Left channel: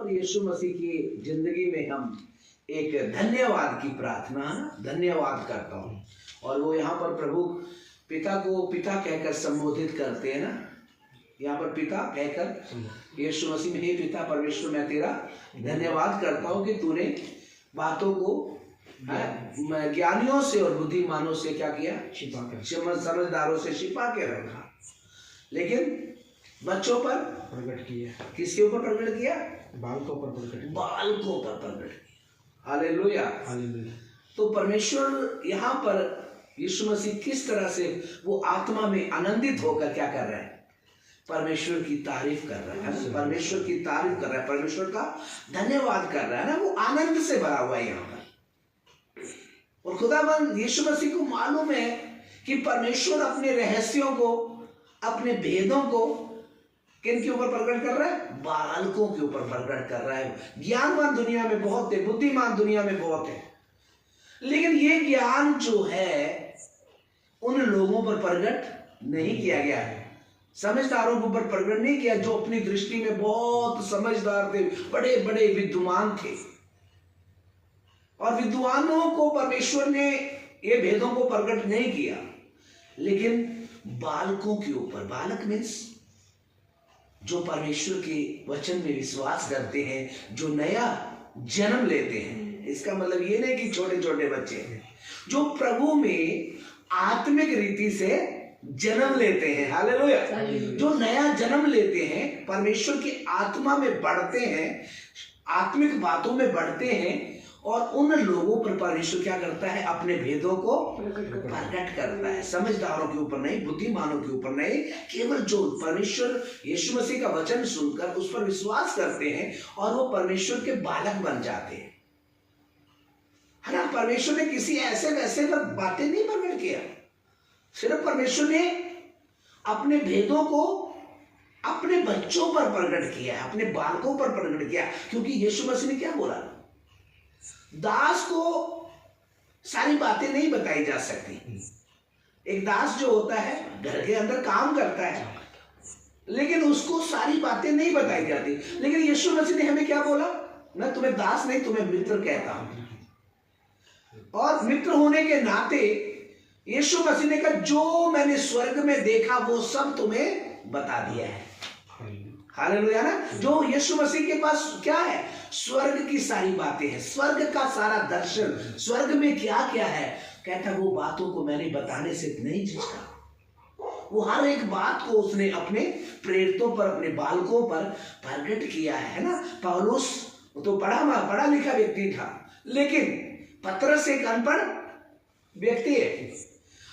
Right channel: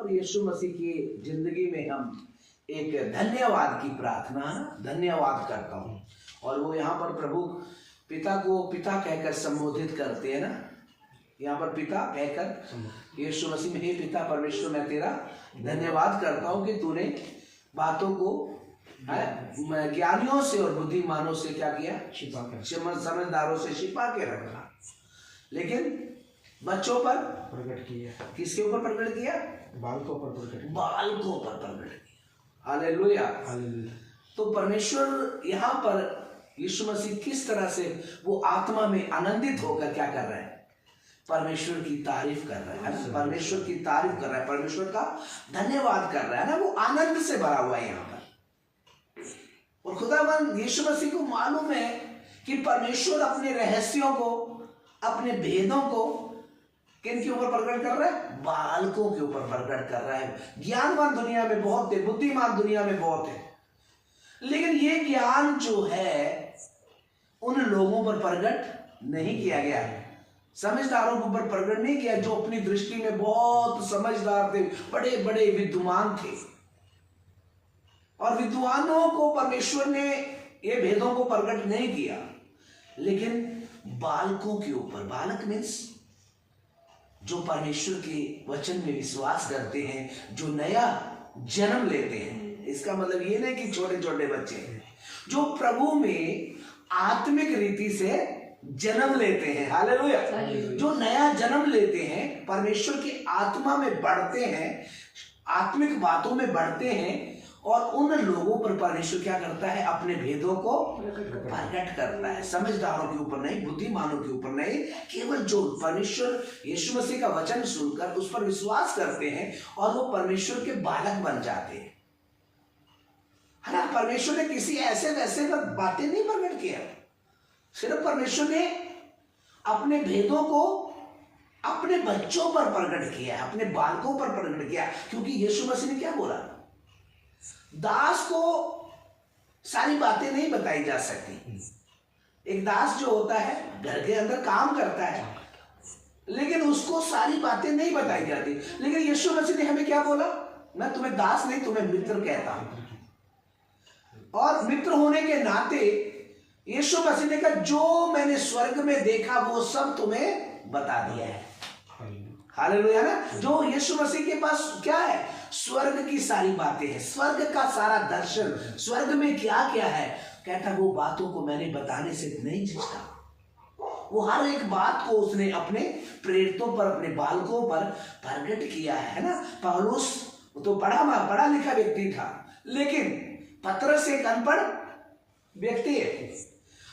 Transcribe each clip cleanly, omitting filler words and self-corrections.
और यीशु मसीह की जिंदगी में हम एक धन्यवाद की प्रार्थना, धन्यवाद करता हूँ। और वो यहाँ पर प्रभु पिता को पिता कहकर संबोधित करते हैं ना, यहाँ पर पिता कहकर यीशु मसीह में, हे पिता परमेश्वर मैं तेरा धन्यवाद करता हूँ कि तूने बातों को ज्ञानियों से और बुद्धिमानों से क्या किया, छिपा कर, समझदारों से छिपा के रखा, लेकिन बच्चों पर प्रकट किया। किसके ऊपर प्रकट किया? बालकों पर प्रकट किया, बालकों पर प्रकट किया। Hallelujah, hallelujah. तो परमेश्वर यहाँ पर यीशु मसीह किस तरह से वो आत्मा में आनंदित होकर क्या कर रहे हैं? परमेश्वर की तारीफ कर रहा है ना, परमेश्वर की तारीफ कर रहा है, परमेश्वर का धन्यवाद कर रहा है ना, वो आनंद से भरा हुआ है यहाँ पर। और खुदावंद यीशु मसीह को मालूम है कि परमेश्वर अपने रहस्यों को, अपने भेदों को किन के ऊपर प्रकट कर रहा है? बालकों के ऊपर प्रकट कर रहा है। ज्ञानवान दुनिया में बहुत है, बुद्धिमान दुनिया में बहुत है, लेकिन ये ज्ञान जो है उन लोगों पर प्रकट नहीं किया गया है, समझदारों के ऊपर प्रकट नहीं किया, जो अपनी दृष्टि में बहुत समझदार थे, बड़े बड़े विद्वान थे। और विद्वानों को परमेश्वर ने ये भेदों को प्रकट नहीं किया, लेकिन बालकों के ऊपर, बालक मीन्स जो परमेश्वर के वचन में विश्वास करते हैं, जो नया जन्म लेते हैं। इसका मतलब ये नहीं कि छोटे छोटे बच्चे हैं, जो प्रभु में आत्मिक रीति से जन्म लेते हैं। हालेलुया, जो नया जन्म लेते हैं, परमेश्वर की आत्मा में बढ़ते हैं, आत्मिक बातों में बढ़ते हैं, और उन लोगों पर परमेश्वर क्या करता है? अपने भेदों को प्रकट करता है। समझदारों के ऊपर नहीं, बुद्धिमानों के ऊपर नहीं, केवल जो परमेश्वर यीशु मसीह का वचन सुनकर उस पर विश्वास करते हैं और वो परमेश्वर के बालक बन जाते हैं, है ना। परमेश्वर ने किसी ऐसे वैसे पर बातें नहीं प्रकट किया, सिर्फ परमेश्वर ने अपने भेदों को अपने बच्चों पर प्रकट किया है, अपने बालकों पर प्रकट किया। क्योंकि यीशु मसीह ने क्या बोला? दास को सारी बातें नहीं बताई जा सकती। एक दास जो होता है घर के अंदर काम करता है, लेकिन उसको सारी बातें नहीं बताई जाती। लेकिन यीशु मसीह ने हमें क्या बोला? मैं तुम्हें दास नहीं, तुम्हें मित्र कहता हूं। और मित्र होने के नाते यीशु मसीह ने कहा, जो मैंने स्वर्ग में देखा वो सब तुम्हें बता दिया है। हालेलुया ना। जो यीशु मसीह के पास क्या है? स्वर्ग की सारी बातें हैं, स्वर्ग का सारा दर्शन, स्वर्ग में क्या क्या है। कहता वो बातों को मैंने बताने से नहीं झिझका, वो हर एक बात को उसने अपने प्रेरितों पर, अपने बालकों पर प्रकट किया है ना। पौलुस तो पढ़ा लिखा व्यक्ति था, लेकिन पतरस एक अनपढ़ व्यक्ति है,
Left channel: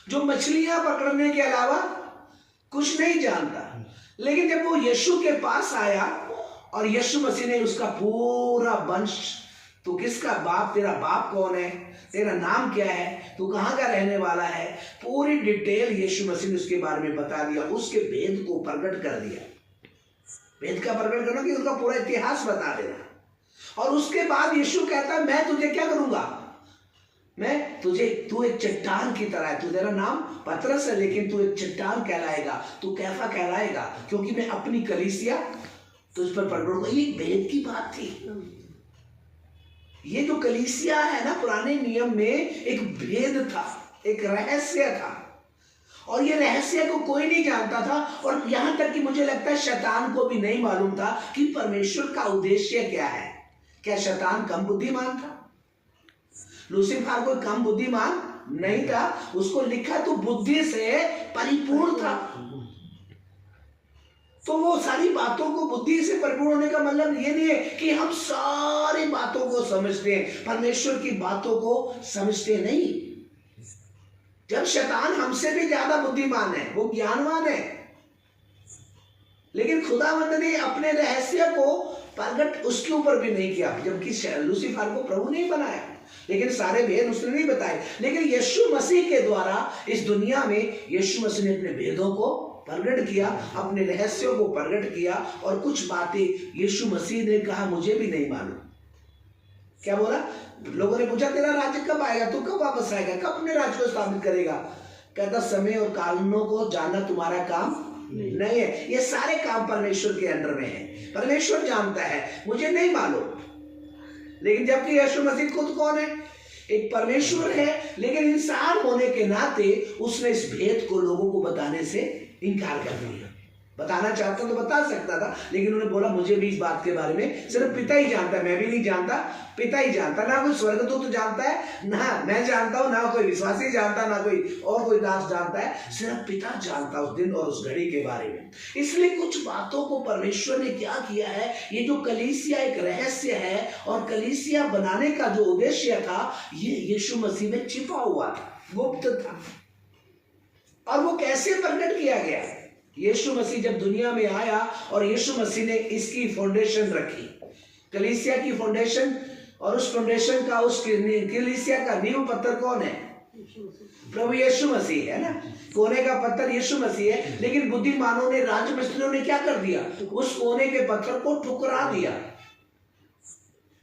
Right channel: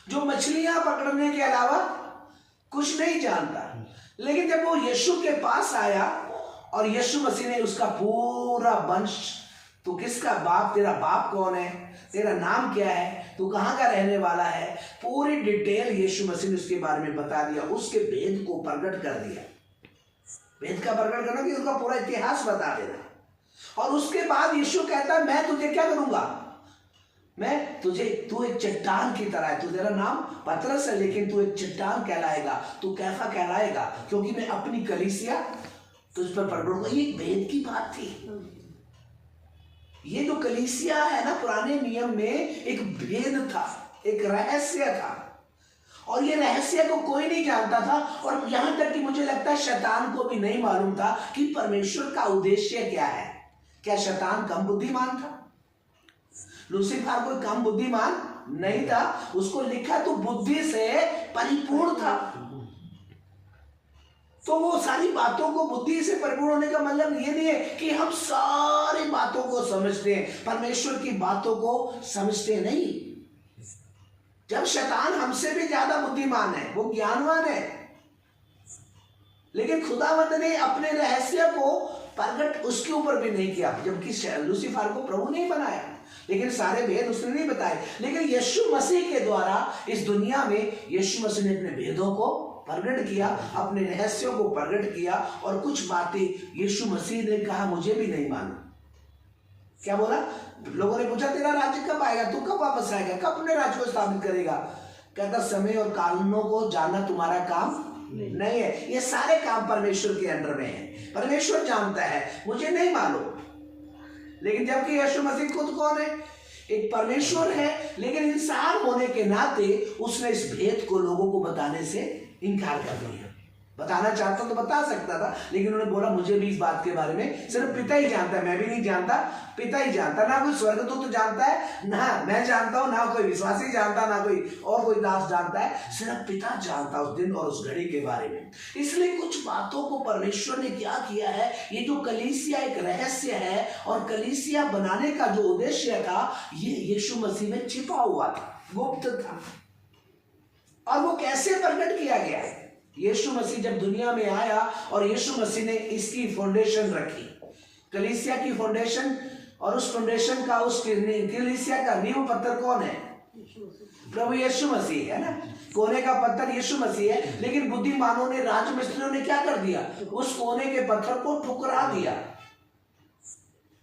जो मछलियां पकड़ने के अलावा कुछ नहीं जानता। लेकिन जब वो यीशु के पास आया और यीशु मसीह ने उसका पूरा वंश, तू किसका बाप, तेरा बाप कौन है, तेरा नाम क्या है, तू कहाँ का रहने वाला है, पूरी डिटेल यीशु मसीह ने उसके बारे में बता दिया, उसके भेद को प्रकट कर दिया। भेद का प्रकट करना कि उसका पूरा इतिहास बता देना। और उसके बाद यीशु कहता है, मैं तुझे क्या करूंगा? मैं तुझे, तू एक चट्टान की तरह है, तू, तेरा नाम पतरस है, लेकिन तू एक चट्टान कहलाएगा, तू कैफा कहलाएगा, क्योंकि मैं अपनी कलीसिया तुझ पर प्रकट करूंगा। ये भेद की बात थी। ये जो कलीसिया है ना, पुराने नियम में एक भेद था, एक रहस्य था, और ये रहस्य को कोई नहीं जानता था। और यहां तक कि मुझे लगता है शैतान को भी नहीं मालूम था कि परमेश्वर का उद्देश्य क्या है। क्या शैतान कम बुद्धिमान था? लूसीफर कोई कम बुद्धिमान नहीं था, उसको लिखा तो बुद्धि से परिपूर्ण था। तो वो सारी बातों को बुद्धि से परिपूर्ण होने का मतलब ये नहीं है कि हम सारी बातों को समझते हैं, परमेश्वर की बातों को समझते नहीं। जब शैतान हमसे भी ज्यादा बुद्धिमान है, वो ज्ञानवान है, लेकिन खुदावंद ने अपने रहस्य को प्रकट उसके ऊपर भी नहीं किया। जबकि लूसीफर को प्रभु नहीं बनाया, लेकिन सारे भेद उसने नहीं बताए। लेकिन यीशु मसीह के द्वारा इस दुनिया में यीशु मसीह ने अपने भेदों को प्रकट किया, अपने रहस्यों को प्रकट किया। और कुछ बातें यीशु मसीह ने कहा मुझे भी नहीं मालूम। क्या बोला? लोगों ने पूछा तेरा राज्य कब आएगा, तू कब वापस आएगा, कब अपने राज्य को स्थापित करेगा? कहता समय और कारणों को जानना तुम्हारा काम नहीं है। ये सारे काम परमेश्वर के अंडर में है, परमेश्वर जानता है, मुझे नहीं मालूम। लेकिन जबकि यीशु मसीह खुद कौन है? एक परमेश्वर है, लेकिन इंसान होने के नाते उसने इस भेद को लोगों को बताने से इनकार कर दिया। बताना चाहता तो बता सकता था, लेकिन उन्होंने बोला मुझे भी इस बात के बारे में सिर्फ पिता ही जानता है, मैं भी नहीं जानता, पिता ही जानता। ना कोई स्वर्गदूत तो जानता है, ना मैं जानता हूं, ना कोई विश्वासी जानता, ना कोई और कोई दास जानता है, सिर्फ पिता जानता उस दिन और उस घड़ी के बारे में। इसलिए कुछ बातों को परमेश्वर ने क्या किया है, ये जो कलीसिया एक रहस्य है और कलीसिया बनाने का जो उद्देश्य था, ये यीशु मसीह में छिपा हुआ था, गुप्त था। और वो कैसे प्रकट किया गया? यीशु मसीह जब दुनिया में आया और यीशु मसीह ने इसकी फाउंडेशन रखी, कलीसिया की फाउंडेशन, और उस फाउंडेशन का, उस कलीसिया का नींव पत्थर कौन है? प्रभु यीशु मसीह है ना। कोने का पत्थर यीशु मसीह है, लेकिन बुद्धिमानों ने, राजमिस्त्रियों ने क्या कर दिया? उस कोने के पत्थर को ठुकरा दिया,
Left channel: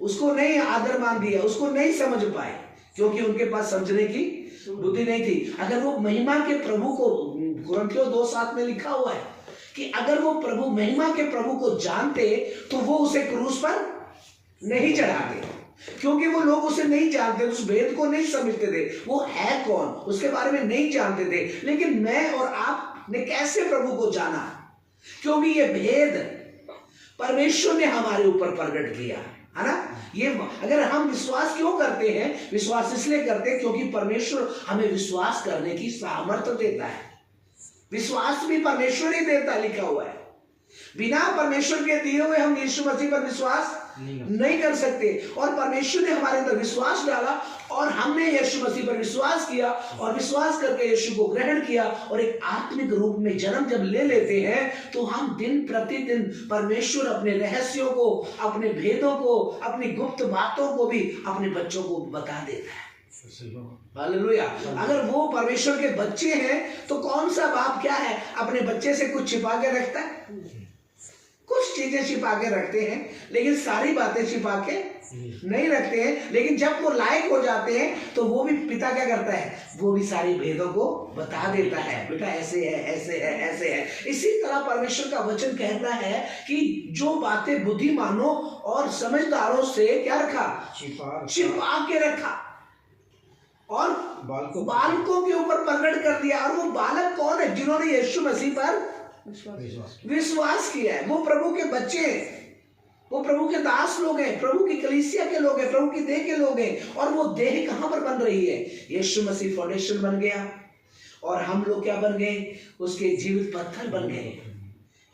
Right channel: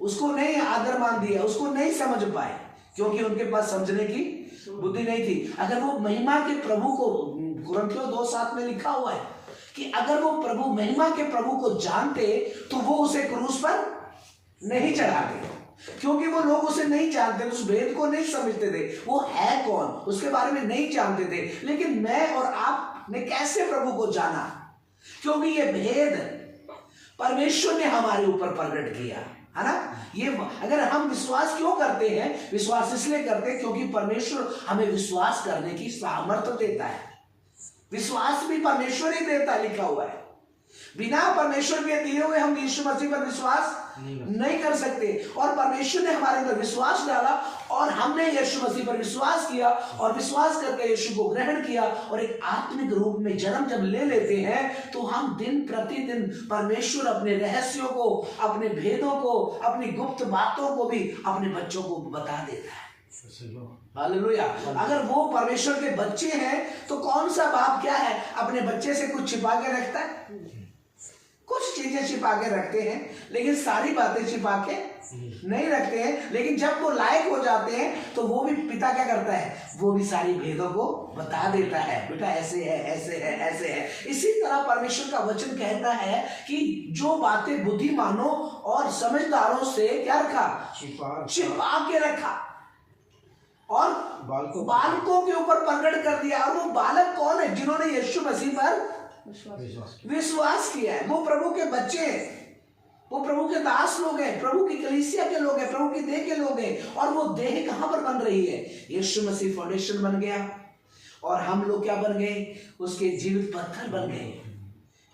उसको नहीं आदर मान दिया, उसको नहीं समझ पाए, क्योंकि उनके पास समझने की बुद्धि नहीं थी। अगर वो महिमा के प्रभु को, कुरिन्थियों 2:7 में लिखा हुआ है कि अगर वो प्रभु, महिमा के प्रभु को जानते तो वो उसे क्रूस पर नहीं चढ़ाते, क्योंकि वो लोग उसे नहीं जानते, उस भेद को नहीं समझते थे, वो है कौन उसके बारे में नहीं जानते थे। लेकिन मैं और आप ने कैसे प्रभु को जाना? क्योंकि ये भेद परमेश्वर ने हमारे ऊपर प्रकट किया है ना। ये अगर हम विश्वास क्यों करते हैं? विश्वास इसलिए करते हैं क्योंकि परमेश्वर हमें विश्वास करने की सामर्थ्य देता है। विश्वास भी परमेश्वर ही देता, लिखा हुआ है। बिना परमेश्वर के दिए हुए हम यीशु मसीह पर विश्वास नहीं कर सकते। और परमेश्वर ने हमारे अंदर विश्वास डाला और हमने यीशु मसीह पर विश्वास किया और विश्वास करके यीशु को ग्रहण किया और एक आत्मिक रूप में जन्म जब ले लेते हैं तो हम दिन प्रतिदिन परमेश्वर अपने रहस्यों को, अपने भेदों को, अपनी गुप्त बातों को भी अपने बच्चों को बता देता है। हालेलुया। अगर वो परमेश्वर के बच्चे हैं तो कौन सा बाप क्या है, अपने बच्चे से कुछ छिपा के रखता है? कुछ चीजें छिपा के रखते हैं, लेकिन सारी बातें छिपा के नहीं रखते हैं। लेकिन जब वो लायक हो जाते हैं तो वो भी पिता क्या करता है? वो भी सारी भेदों को बता देता है, बेटा ऐसे है, ऐसे है, ऐसे है। इसी तरह परमेश्वर का वचन कहता है कि जो बातें बुद्धिमानों और समझदारों से क्या रखा? छिपा के रखा और बालकों के ऊपर प्रकट कर दिया। और वो बालक कौन है? जिन्होंने यीशु मसीह पर विश्वास किया है। वो प्रभु के बच्चे हैं, वो प्रभु के दास लोग हैं, प्रभु की कलीसिया के लोग हैं, प्रभु की देह के लोग हैं। और वो देह कहां पर बन रही है? यीशु मसीह फाउंडेशन बन गया और हम लोग क्या बन गए? उसके जीवित पत्थर बन गए।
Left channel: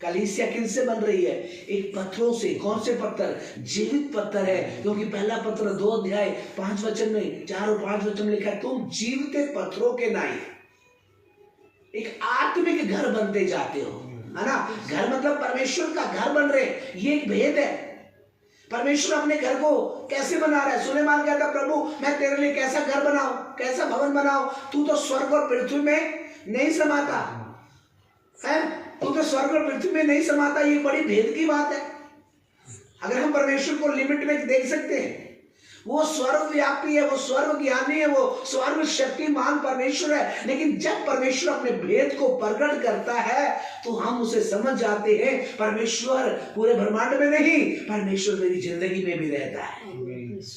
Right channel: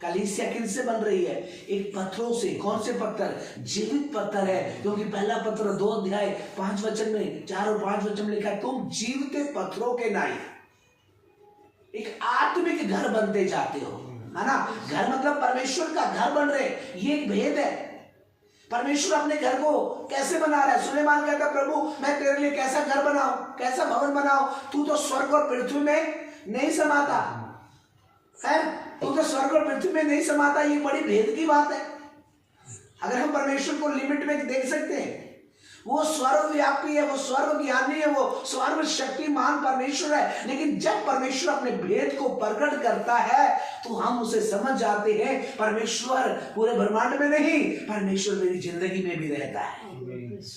कलीसिया किनसे बन रही है? एक पत्थरों से। कौन से पत्थर? जीवित पत्थर है, क्योंकि पहला पत्र 2 अध्याय 5 वचन में, 4 और 5 वचन में लिखा है, तुम जीवित पत्थरों के नाई एक आत्मिक घर बनते जाते हो, है ना। घर मतलब परमेश्वर का घर बन रहे, ये एक भेद है। परमेश्वर अपने घर को कैसे बना रहा है? सुलेमान कहता, प्रभु मैं तेरे लिए कैसा घर बनाऊं, कैसा भवन बनाऊं? तू तो स्वर्ग और पृथ्वी में नहीं समाता है, तू तो स्वर्ग और पृथ्वी में नहीं समाता। ये बड़ी भेद की बात है। अगर हम परमेश्वर को लिमिट में देख सकते हैं, वो सर्वव्यापी है, वो सर्व ज्ञानी है, वो सर्व शक्तिमान परमेश्वर है। लेकिन जब परमेश्वर अपने भेद को प्रकट करता है तो हम उसे समझ जाते हैं, परमेश्वर पूरे ब्रह्मांड में नहीं, परमेश्वर मेरी जिंदगी में भी रहता है,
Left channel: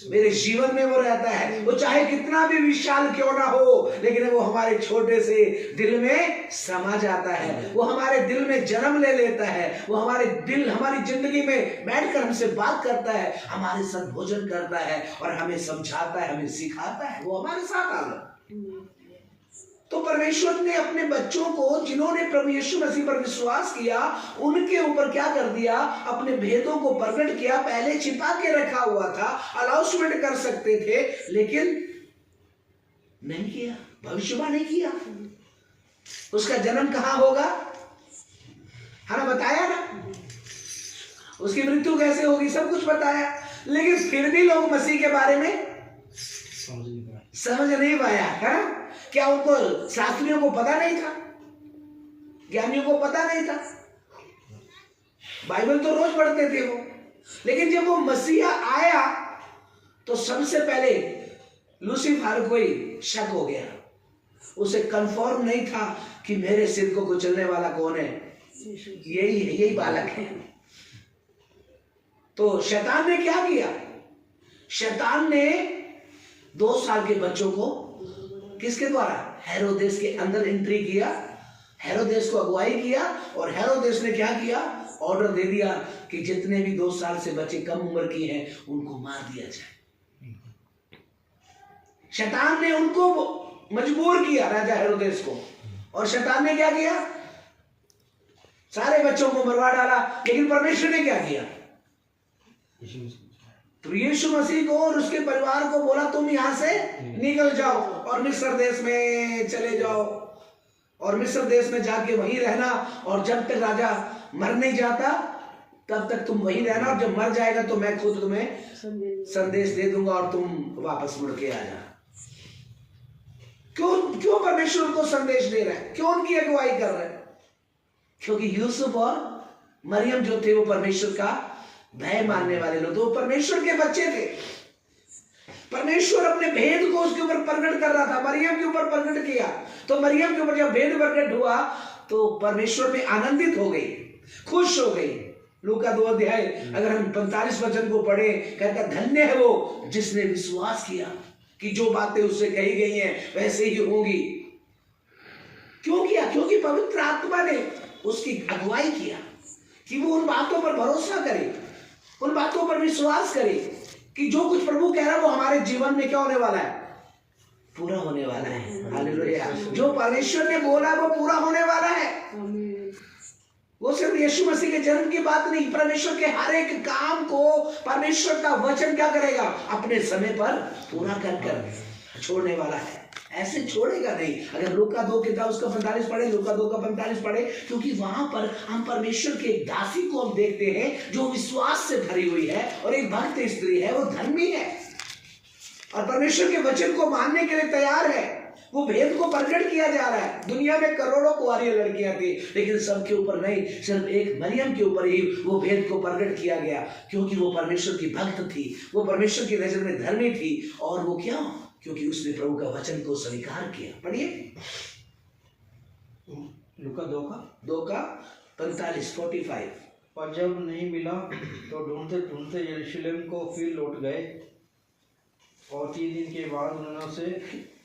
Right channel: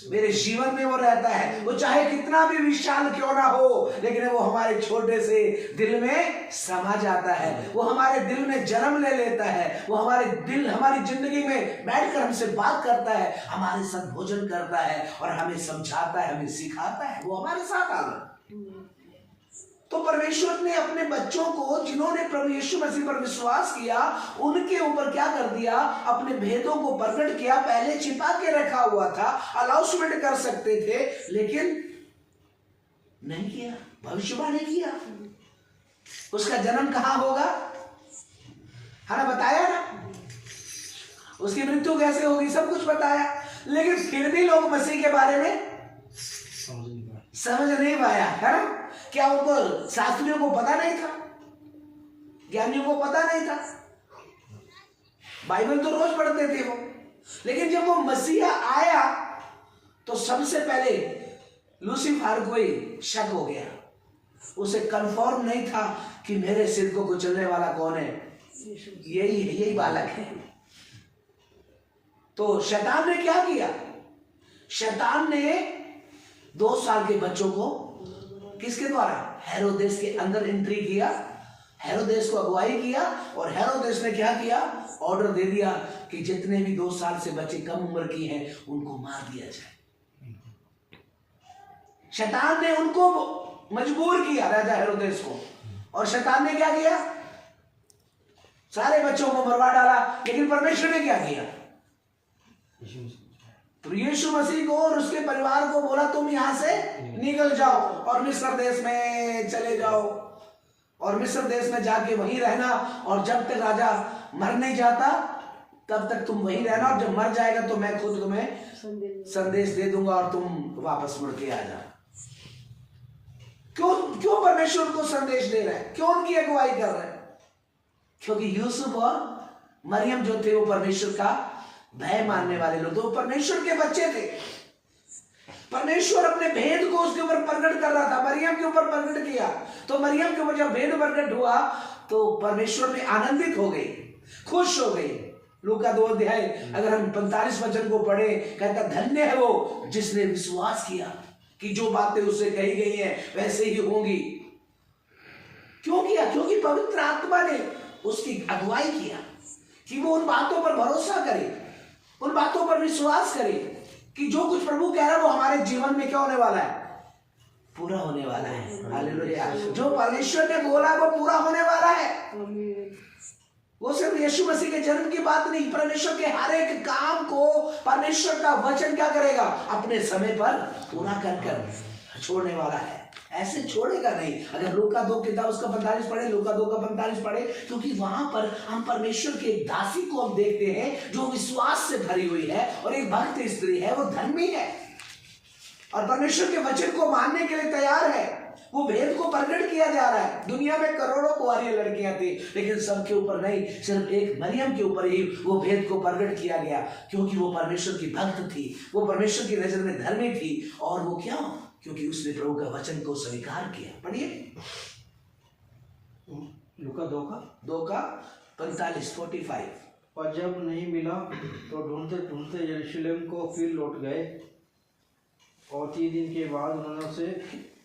मेरे जीवन में वो रहता है। वो चाहे कितना भी विशाल क्यों ना हो, लेकिन वो हमारे छोटे से दिल में समा जाता है, वो हमारे दिल में जन्म ले लेता है, वो हमारे दिल, हमारी जिंदगी में बैठकर हमसे बात करता है, हमारे साथ भोजन करता है और हमें समझाता है, हमें सिखाता है, वो हमारे साथ आना। तो परमेश्वर ने अपने बच्चों को, जिन्होंने प्रभु यीशु मसीह पर विश्वास किया, उनके ऊपर क्या कर दिया? अपने भेदों को प्रकट किया। पहले छिपा के रखा हुआ था, अनाउंसमेंट कर सकते थे, लेकिन नहीं किया, भविष्यवाणी किया। उसका जन्म कहां होगा, है ना, बताया ना, उसकी मृत्यु कैसे होगी, सब कुछ बताया। लेकिन फिर भी लोग मसीह के बारे में समझ नहीं पाया, है ना। क्या उनको, शास्त्रियों को पता नहीं था, ज्ञानियों को पता नहीं था? बाइबल तो रोज पढ़ते थे वो, लेकिन जब वो मसीहा आया तो सबसे पहले लूसीफर को ही शक हो गया। उसे कंफर्म नहीं था कि मेरे सिर को कुचलने वाला कौन है, यही बालक है। तो शैतान ने क्या किया? शैतान ने 2 साल के बच्चों को किसके द्वारा? हेरोदेस के अंदर एंट्री किया, हेरोदेस को अगुवाई किया, और हेरोदेस ने क्या किया? ऑर्डर दे दिया कि जितने भी 2 साल से बच्चे कम उम्र की हैं उनको मार दिया जाए। शैतान ने उनको मजबूर किया, राजा हेरोदेस को, और शैतान ने क्या किया? सारे बच्चों को मरवा डाला। लेकिन परमेश्वर ने क्या किया? तो यीशु मसीह को और उसके परिवार को बोला तुम यहां से निकल जाओ और मिस्र देश में चले जाओ, और मिस्र देश में जाके वहीं रहना, और जब तक राजा मर नहीं जाता तब तक तुम वहीं रहना, और जब मर जाएगा तो मैं खुद तुम्हें संदेश दे दूंगा और तुम वापस मुड़ के आ जाना। क्यों परमेश्वर को संदेश दे रहा है? क्यों उनकी अगुवाई कर रहे हैं? क्योंकि यूसुफ और मरियम जो थे वो परमेश्वर का भय मानने वाले लोग, तो परमेश्वर के बच्चे थे। परमेश्वर अपने भेद को उसके ऊपर प्रकट कर रहा था, मरियम के ऊपर प्रकट किया। तो मरियम के ऊपर जब भेद प्रकट हुआ तो परमेश्वर में आनंदित हो गई, खुश हो गई। लूका 2 अध्याय अगर हम 45 वचन को पढ़े, कहता धन्य है वो जिसने विश्वास किया कि जो बातें उससे कही गई हैं वैसे ही होंगी। क्यों किया? क्योंकि पवित्र आत्मा ने उसकी अगुवाई किया कि वो उन बातों पर भरोसा करे, उन बातों पर विश्वास करे कि जो कुछ प्रभु कह रहा है वो हमारे जीवन में क्या होने वाला है? पूरा होने वाला है। हालेलुया। जो परमेश्वर ने बोला वो पूरा होने वाला है। वो सिर्फ यीशु मसीह के जन्म की बात नहीं, परमेश्वर के हर एक काम को परमेश्वर का वचन क्या करेगा? अपने समय पर पूरा कर छोड़ने वाला है। ऐसे छोड़ेगा नहीं। अगर लूका 2 किताब उसका 45 पढ़े, लूका 2 का 45 पढ़े, क्योंकि वहां पर हम परमेश्वर के एक दासी को हम देखते हैं जो विश्वास से भरी हुई है, और एक भक्त स्त्री है, वो धर्मी है और परमेश्वर के वचन को मानने के लिए तैयार है। वो भेद को प्रकट किया जा रहा है। दुनिया में करोड़ों कुंवारी लड़कियां थी, लेकिन सबके ऊपर नहीं, सिर्फ एक मरियम के ऊपर ही वो भेद को प्रकट किया गया, क्योंकि वो परमेश्वर की भक्त थी, वो परमेश्वर की नजर में धर्मी थी। और वो क्या? क्योंकि उसने प्रभु का वचन को स्वीकार किया। पढ़िए लूका 2 का 45। और जब नहीं मिला तो ढूंढते ढूंढते यरूशलेम को फिर लौट गए, और 3 दिन के बाद उन्होंने उसे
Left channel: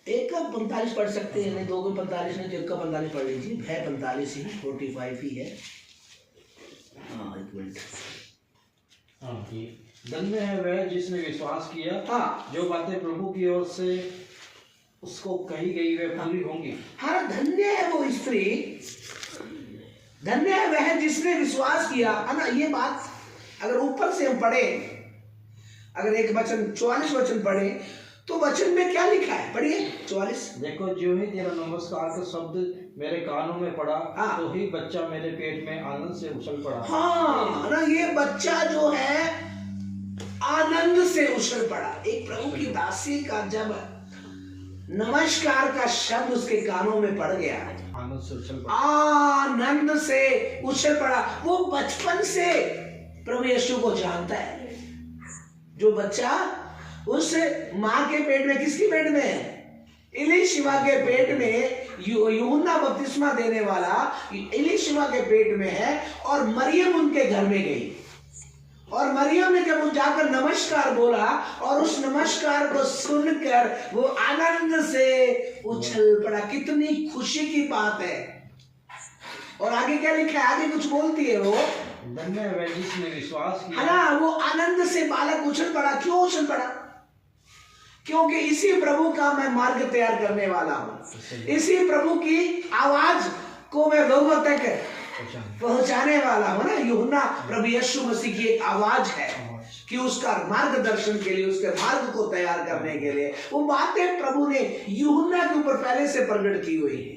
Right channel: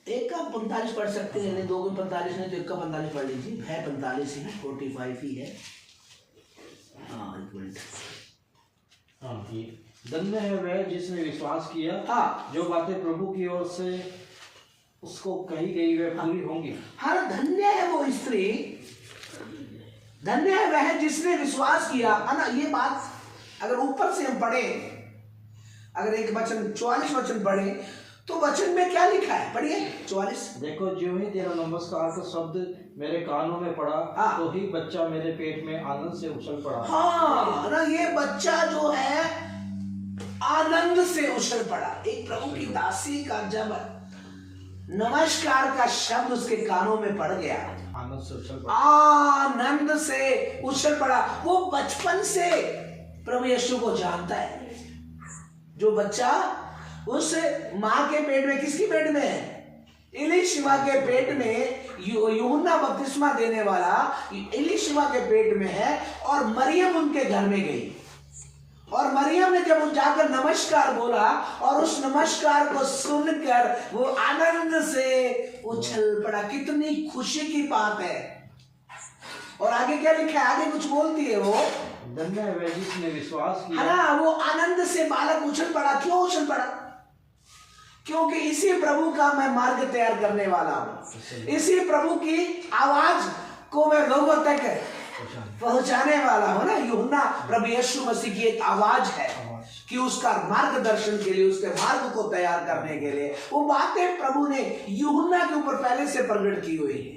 1 का 45 पढ़ सकते हैं, नहीं 2 का 45 नहीं तो 1 का 45 पढ़ लीजिए। है 45 ही, 45 ही है। हाँ, 1 मिनट। हाँ, ये धन्य है वह जिसने विश्वास किया, हाँ, जो बातें प्रभु की ओर से उसको कही गई वे पूरी होंगी। हाँ, धन्य है वो स्त्री, धन्य है वह जिसने विश्वास किया, है ना। ये बात अगर ऊपर से हम पढ़े, अगर एक वचन 44 वचन पढ़े तो वचन में क्या लिखा है? पढ़िए 44। देखो, जो ही तेरा नमस्कार का शब्द मेरे कानों में पड़ा, हाँ, तो ही बच्चा मेरे पेट में आनंद से उछल पड़ा। हाँ ना, ये बच्चा जो है आनंद से उछल पड़ा। एक प्रभु की दासी का जब नमस्कार का शब्द उसके कानों में पड़ गया, आनंद से उछल पड़ा, आनंद से उछल पड़ा। वो बचपन से प्रभु यीशु को जानता है। जो बच्चा उस माँ के पेट में, किसकी पेट में है? इलीशिमा के पेट में, यूहन्ना बपतिस्मा देने वाला इलीशिमा के पेट में है, और मरियम उनके घर में गई, और मरियम ने जब जाकर नमस्कार बोला और उस नमस्कार को सुनकर वो आनंद से उछल पड़ा। कितनी खुशी की बात है। और आगे क्या लिखा है? आगे कुछ बोलती है वो, धन्य है वह जिसने विश्वास किया, है ना। वो आनंद से बालक उछल पड़ा। क्यों उछल पड़ा? क्योंकि इसी प्रभु का मैं मार्ग तैयार करने वाला हूं, इसी प्रभु की आवाज को मैं लोगों तक पहुंचाने वाला हूं ना। यूहन्ना प्रभु यीशु मसीह की एक आवाज है कि उसका मार्गदर्शन के लिए, उसके मार्ग को तैयार करने के लिए वो बातें प्रभु ने यूहन्ना के ऊपर पहले से प्रकट की हुई है,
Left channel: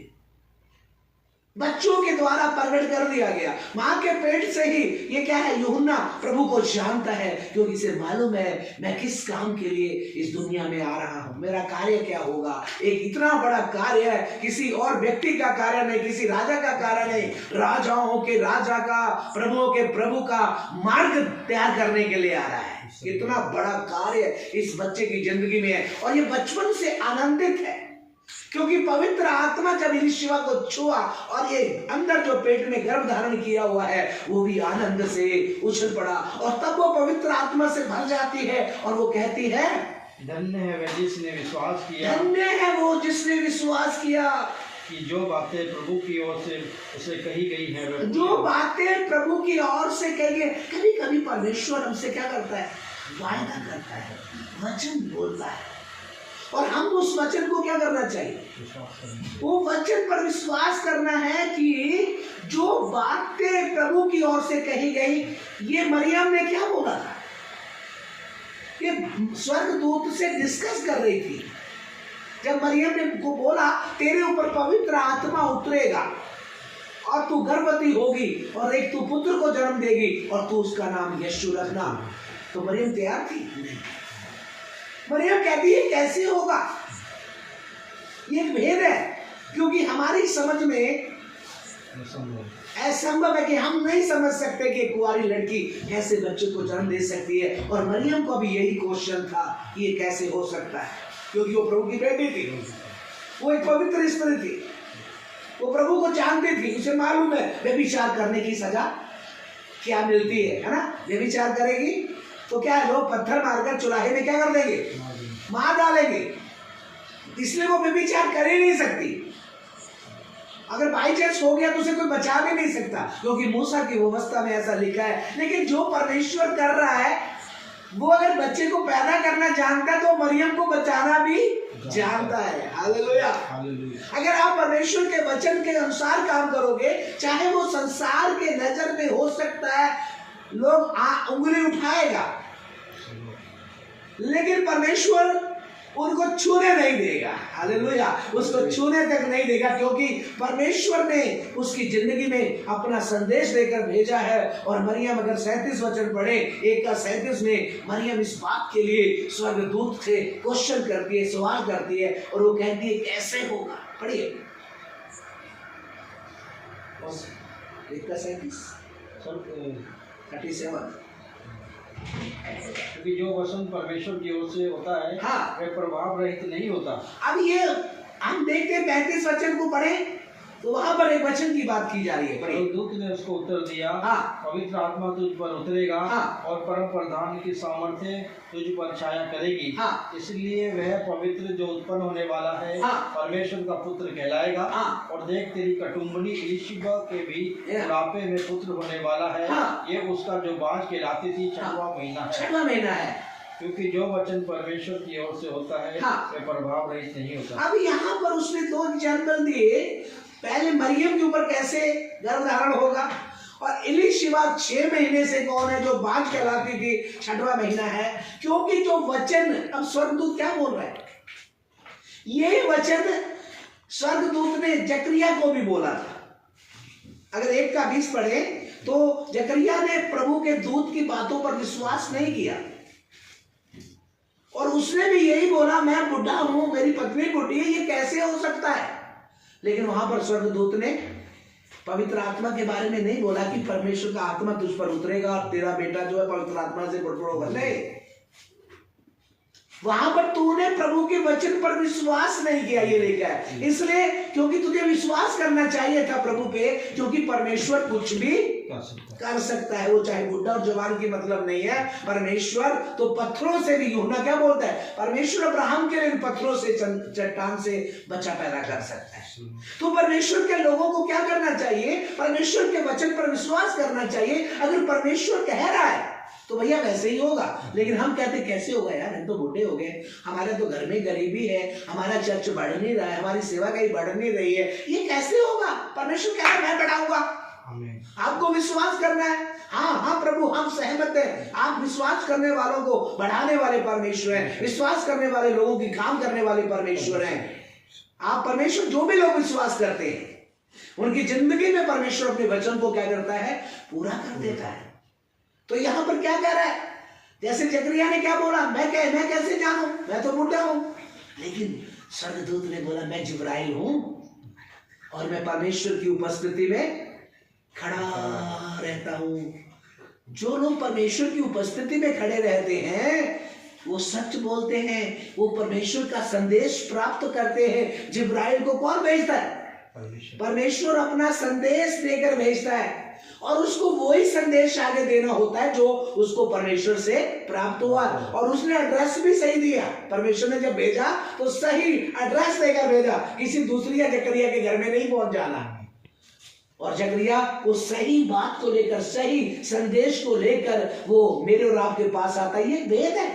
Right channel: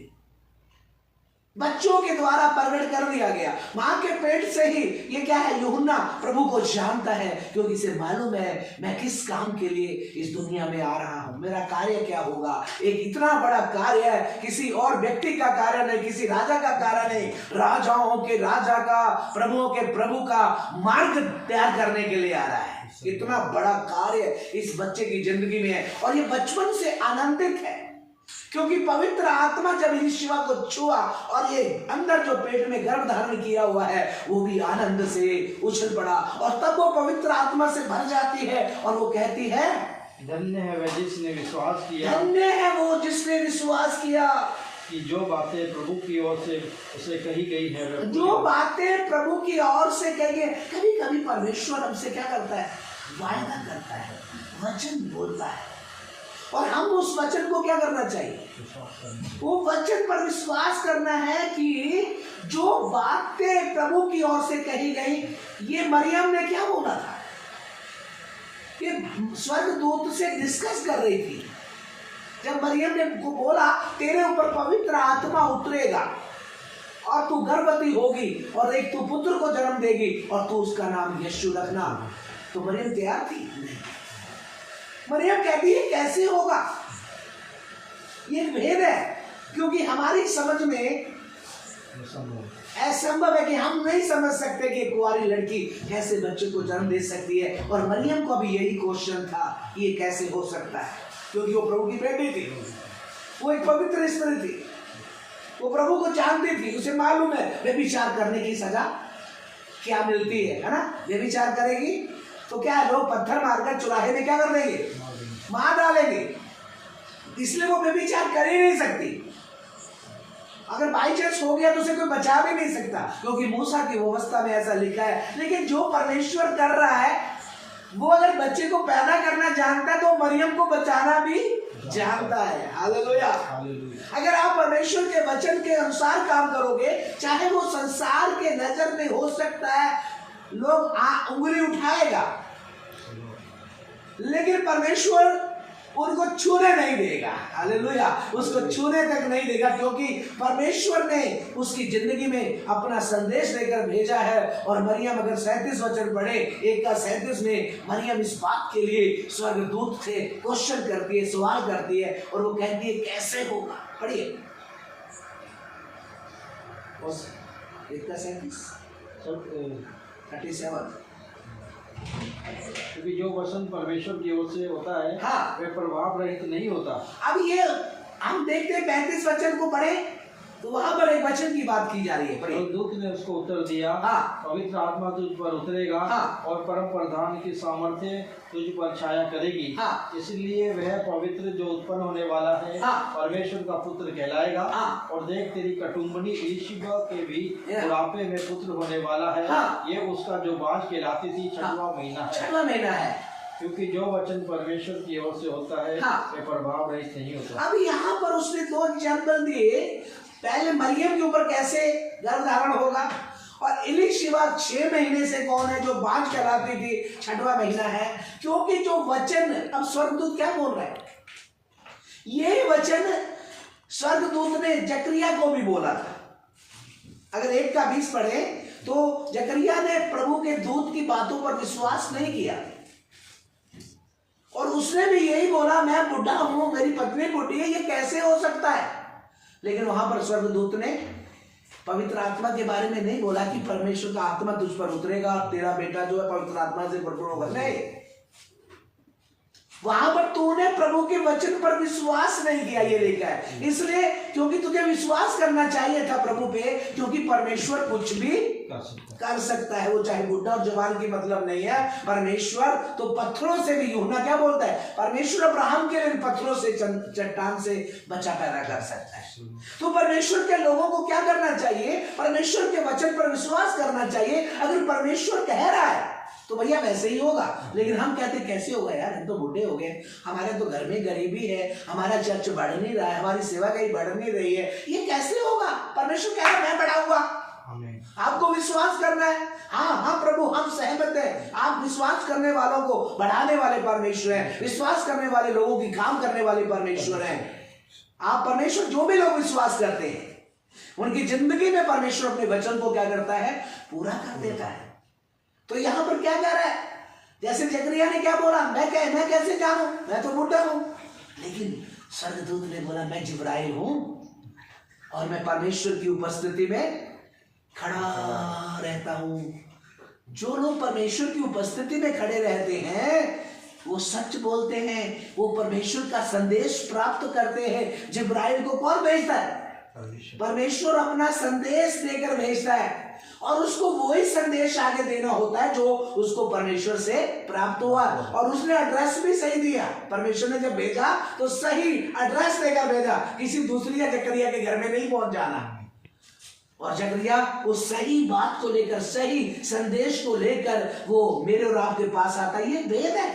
बच्चों के द्वारा प्रकट कर दिया गया। मां के पेट से ही ये क्या है? यूहन्ना प्रभु को जानता है, क्योंकि इसे मालूम है मैं किस काम के लिए इस दुनिया में आ रहा हूं, मेरा कार्य क्या होगा। एक इतना बड़ा कार्य है, किसी और व्यक्ति का कार्य नहीं, किसी राजा का कार्य नहीं, राजाओं के राजा का, प्रभुओं के प्रभु का मार्ग तैयार करने के लिए आ रहा है। इतना बड़ा कार्य इस बच्चे की जिंदगी में है, और ये बचपन से आनंदित है। क्योंकि पवित्र आत्मा जब इलिशिबा को छुआ और ये अंदर जो पेट में गर्भ धारण किया हुआ है वो भी आनंद से उछल पड़ा, और तब वो पवित्र आत्मा से भर जाती है और वो कहती है, धन्य है वह जिसने विश्वास किया, धन्य है वो जिसने विश्वास किया कि जो बातें प्रभु की ओर से उसे कही गई है वह पूरी जो बातें प्रभु की ओर से कही। कभी कभी परमेश्वर हमसे क्या करता है, वायदा करता है, वचन बोलता है, और हम उस वचन को क्या करना चाहिए, वो वचन पर विश्वास करना है कि जो बातें प्रभु की ओर से कही गई। ये मरियम ने क्या बोला था, ये स्वर्गदूत से डिस्कस कर रही थी। जब मरियम ने को बोला तेरे ऊपर पवित्र आत्मा उतरेगा और तू गर्भवती होगी और एक तू पुत्र को जन्म देगी और तू उसका नाम यीशु रखना, तो मरियम तैयार थी? नहीं। मरियम कहती है कैसे होगा, ये एक भेद है, क्योंकि हमारी समझ में असंभव है कि हम नहीं समझ सकते कि कुंवारी लड़की कैसे बच्चे को जन्म दे सकती है। और मरियम को भी यही क्वेश्चन था कि ये कैसे हो सकता है, क्योंकि वो प्रभु की बेटी थी, वो एक पवित्र स्त्री थी, वो प्रभु को जानती थी, उसे मालूम है व्यभिचार करने की सजा क्या मिलती है ना। व्यभिचार करेगी तो क्या है, लोग पत्थर मारकर चुराहे में क्या कर देंगे, मार डालेंगे, इसलिए वो व्यभिचार कर ही नहीं सकती। अगर बाई चांस हो गया तो उसे कोई बचा भी नहीं सकता, क्योंकि मूसा की व्यवस्था में ऐसा लिखा है। लेकिन जो परमेश्वर कर रहा है, वो अगर बच्चे को पैदा करना जानता है तो मरियम को बचाना भी जानता है। हालेलुया। अगर आप परमेश्वर के वचन के अनुसार काम करोगे, चाहे वो संसार के नजर में हो सकता है लोग उंगली उठाएगा, लेकिन परमेश्वर उनको छूने नहीं देगा। हालेलुया। उसको छूने तक नहीं देगा, क्योंकि परमेश्वर ने उसकी जिंदगी में अपना संदेश लेकर भेजा है। और मरियम अगर 37 वचन पढ़े, 1:37 में मरियम इस बात के लिए स्वर्गदूत से क्वेश्चन करती है, सवाल करती है, और वो कहती है कैसे होगा। पढ़िए 1:37 37। क्योंकि जो वचन परमेश्वर की ओर से होता है हाँ, वह प्रभाव रहित नहीं होता। अब ये हम देखते हैं 35 वचन को पढ़े तो वहां पर एक वचन की बात की जा रही है। तो दूत ने उसको उत्तर दिया, हाँ, पवित्र आत्मा तुझ पर उतरेगा, हाँ, और परम प्रधान की सामर्थ्य तुझ पर छाया करेगी, हाँ, इसलिए वह पवित्र जो उत्पन्न होने वाला है हाँ, परमेश्वर का पुत्र कहलाएगा। हाँ, और देख तेरी कटुम्बनी इलिशिबा के भी बुढ़ापे में पुत्र होने वाला है। हाँ, ये उसका जो बाज कहलाती थी 6वां महीना है। 6वां महीना है, क्योंकि जो वचन परमेश्वर की ओर से होता है वह प्रभाव रहित नहीं होता। अब यहाँ पर उसने 2 एग्जाम्पल दिए। पहले मरियम के ऊपर कैसे गर्भ धारण होगा, और इलिशिबा 6 महीने से कौन है, जो बांझ कहलाती थी, 6वां महीना है। क्योंकि जो वचन, अब स्वर्गदूत क्या बोल रहे हैं, ये वचन स्वर्गदूत ने जकरिया को भी बोला था। अगर 1:20 पढ़े तो जकरिया ने प्रभु के दूत की बातों पर विश्वास नहीं किया, और उसने भी यही बोला मैं बुढ़ा हूं, मेरी पत्नी बुढ़ी है, ये कैसे हो सकता है। लेकिन वहां पर स्वर्गदूत ने पवित्र आत्मा के बारे में नहीं बोला कि परमेश्वर का आत्मा तुझ पर उतरेगा और तेरा बेटा जो है पवित्र आत्मा से भरपूर होगा। नहीं, वहां पर तूने प्रभु के वचन पर विश्वास नहीं किया, ये लिखा है। इसलिए क्योंकि तुझे विश्वास करना चाहिए था प्रभु पे, क्योंकि परमेश्वर कुछ भी कर सकता है। वो चाहे बुढ़ा और जवान की मतलब नहीं है। परमेश्वर तो पत्थरों से भी, यूहन्ना क्या बोलता है, परमेश्वर अब्राहम के लिए पत्थरों से, चट्टान से बच्चा पैदा कर सकता है। तो परमेश्वर के लोगों को क्या करना चाहिए, परमेश्वर के वचन पर विश्वास करना चाहिए। अगर परमेश्वर कह रहा है तो भैया वैसे ही होगा। लेकिन हम कहते कैसे होगा यार, हम तो बूढ़े हो गए, हमारे तो घर में गरीबी है, हमारा चर्च बढ़ नहीं रहा है, हमारी सेवा कहीं बढ़ नहीं रही है, ये कैसे होगा। परमेश्वर कह रहा है मैं बढ़ाऊंगा, आपको विश्वास करना है। हाँ प्रभु हम सहमत हैं, आप विश्वास करने वालों को बढ़ाने वाले परमेश्वर हैं, विश्वास करने वाले लोगों की काम करने वाले परमेश्वर हैं। आप परमेश्वर जो भी लोग विश्वास करते हैं उनकी जिंदगी में परमेश्वर अपने वचन को क्या करता है, पूरा कर देता है। तो यहां पर क्या कह रहा है, जैसे जकरिया ने क्या बोला, मैं कैसे जानूं, मैं तो बूढ़ा हूं। लेकिन स्वर्गदूत ने बोला मैं जिब्राइल हूं और मैं परमेश्वर की उपस्थिति में खड़ा रहता हूं। जो लोग परमेश्वर की उपस्थिति में खड़े रहते हैं वो सच बोलते हैं, वो परमेश्वर का संदेश प्राप्त करते हैं। जिब्राइल को कौन भेजता है? परमेश्वर अपना संदेश देकर भेजता है, और उसको वही संदेश आगे देना होता है जो उसको परमेश्वर से प्राप्त हुआ। और उसने एड्रेस भी सही दिया। परमेश्वर ने जब भेजा तो सही एड्रेस देकर भेजा, किसी दूसरी या जकरिया के घर में नहीं पहुंच जाना। और जकरिया वो सही बात को लेकर, सही संदेश को लेकर वो मेरे और आपके पास आता है। ये भेद है,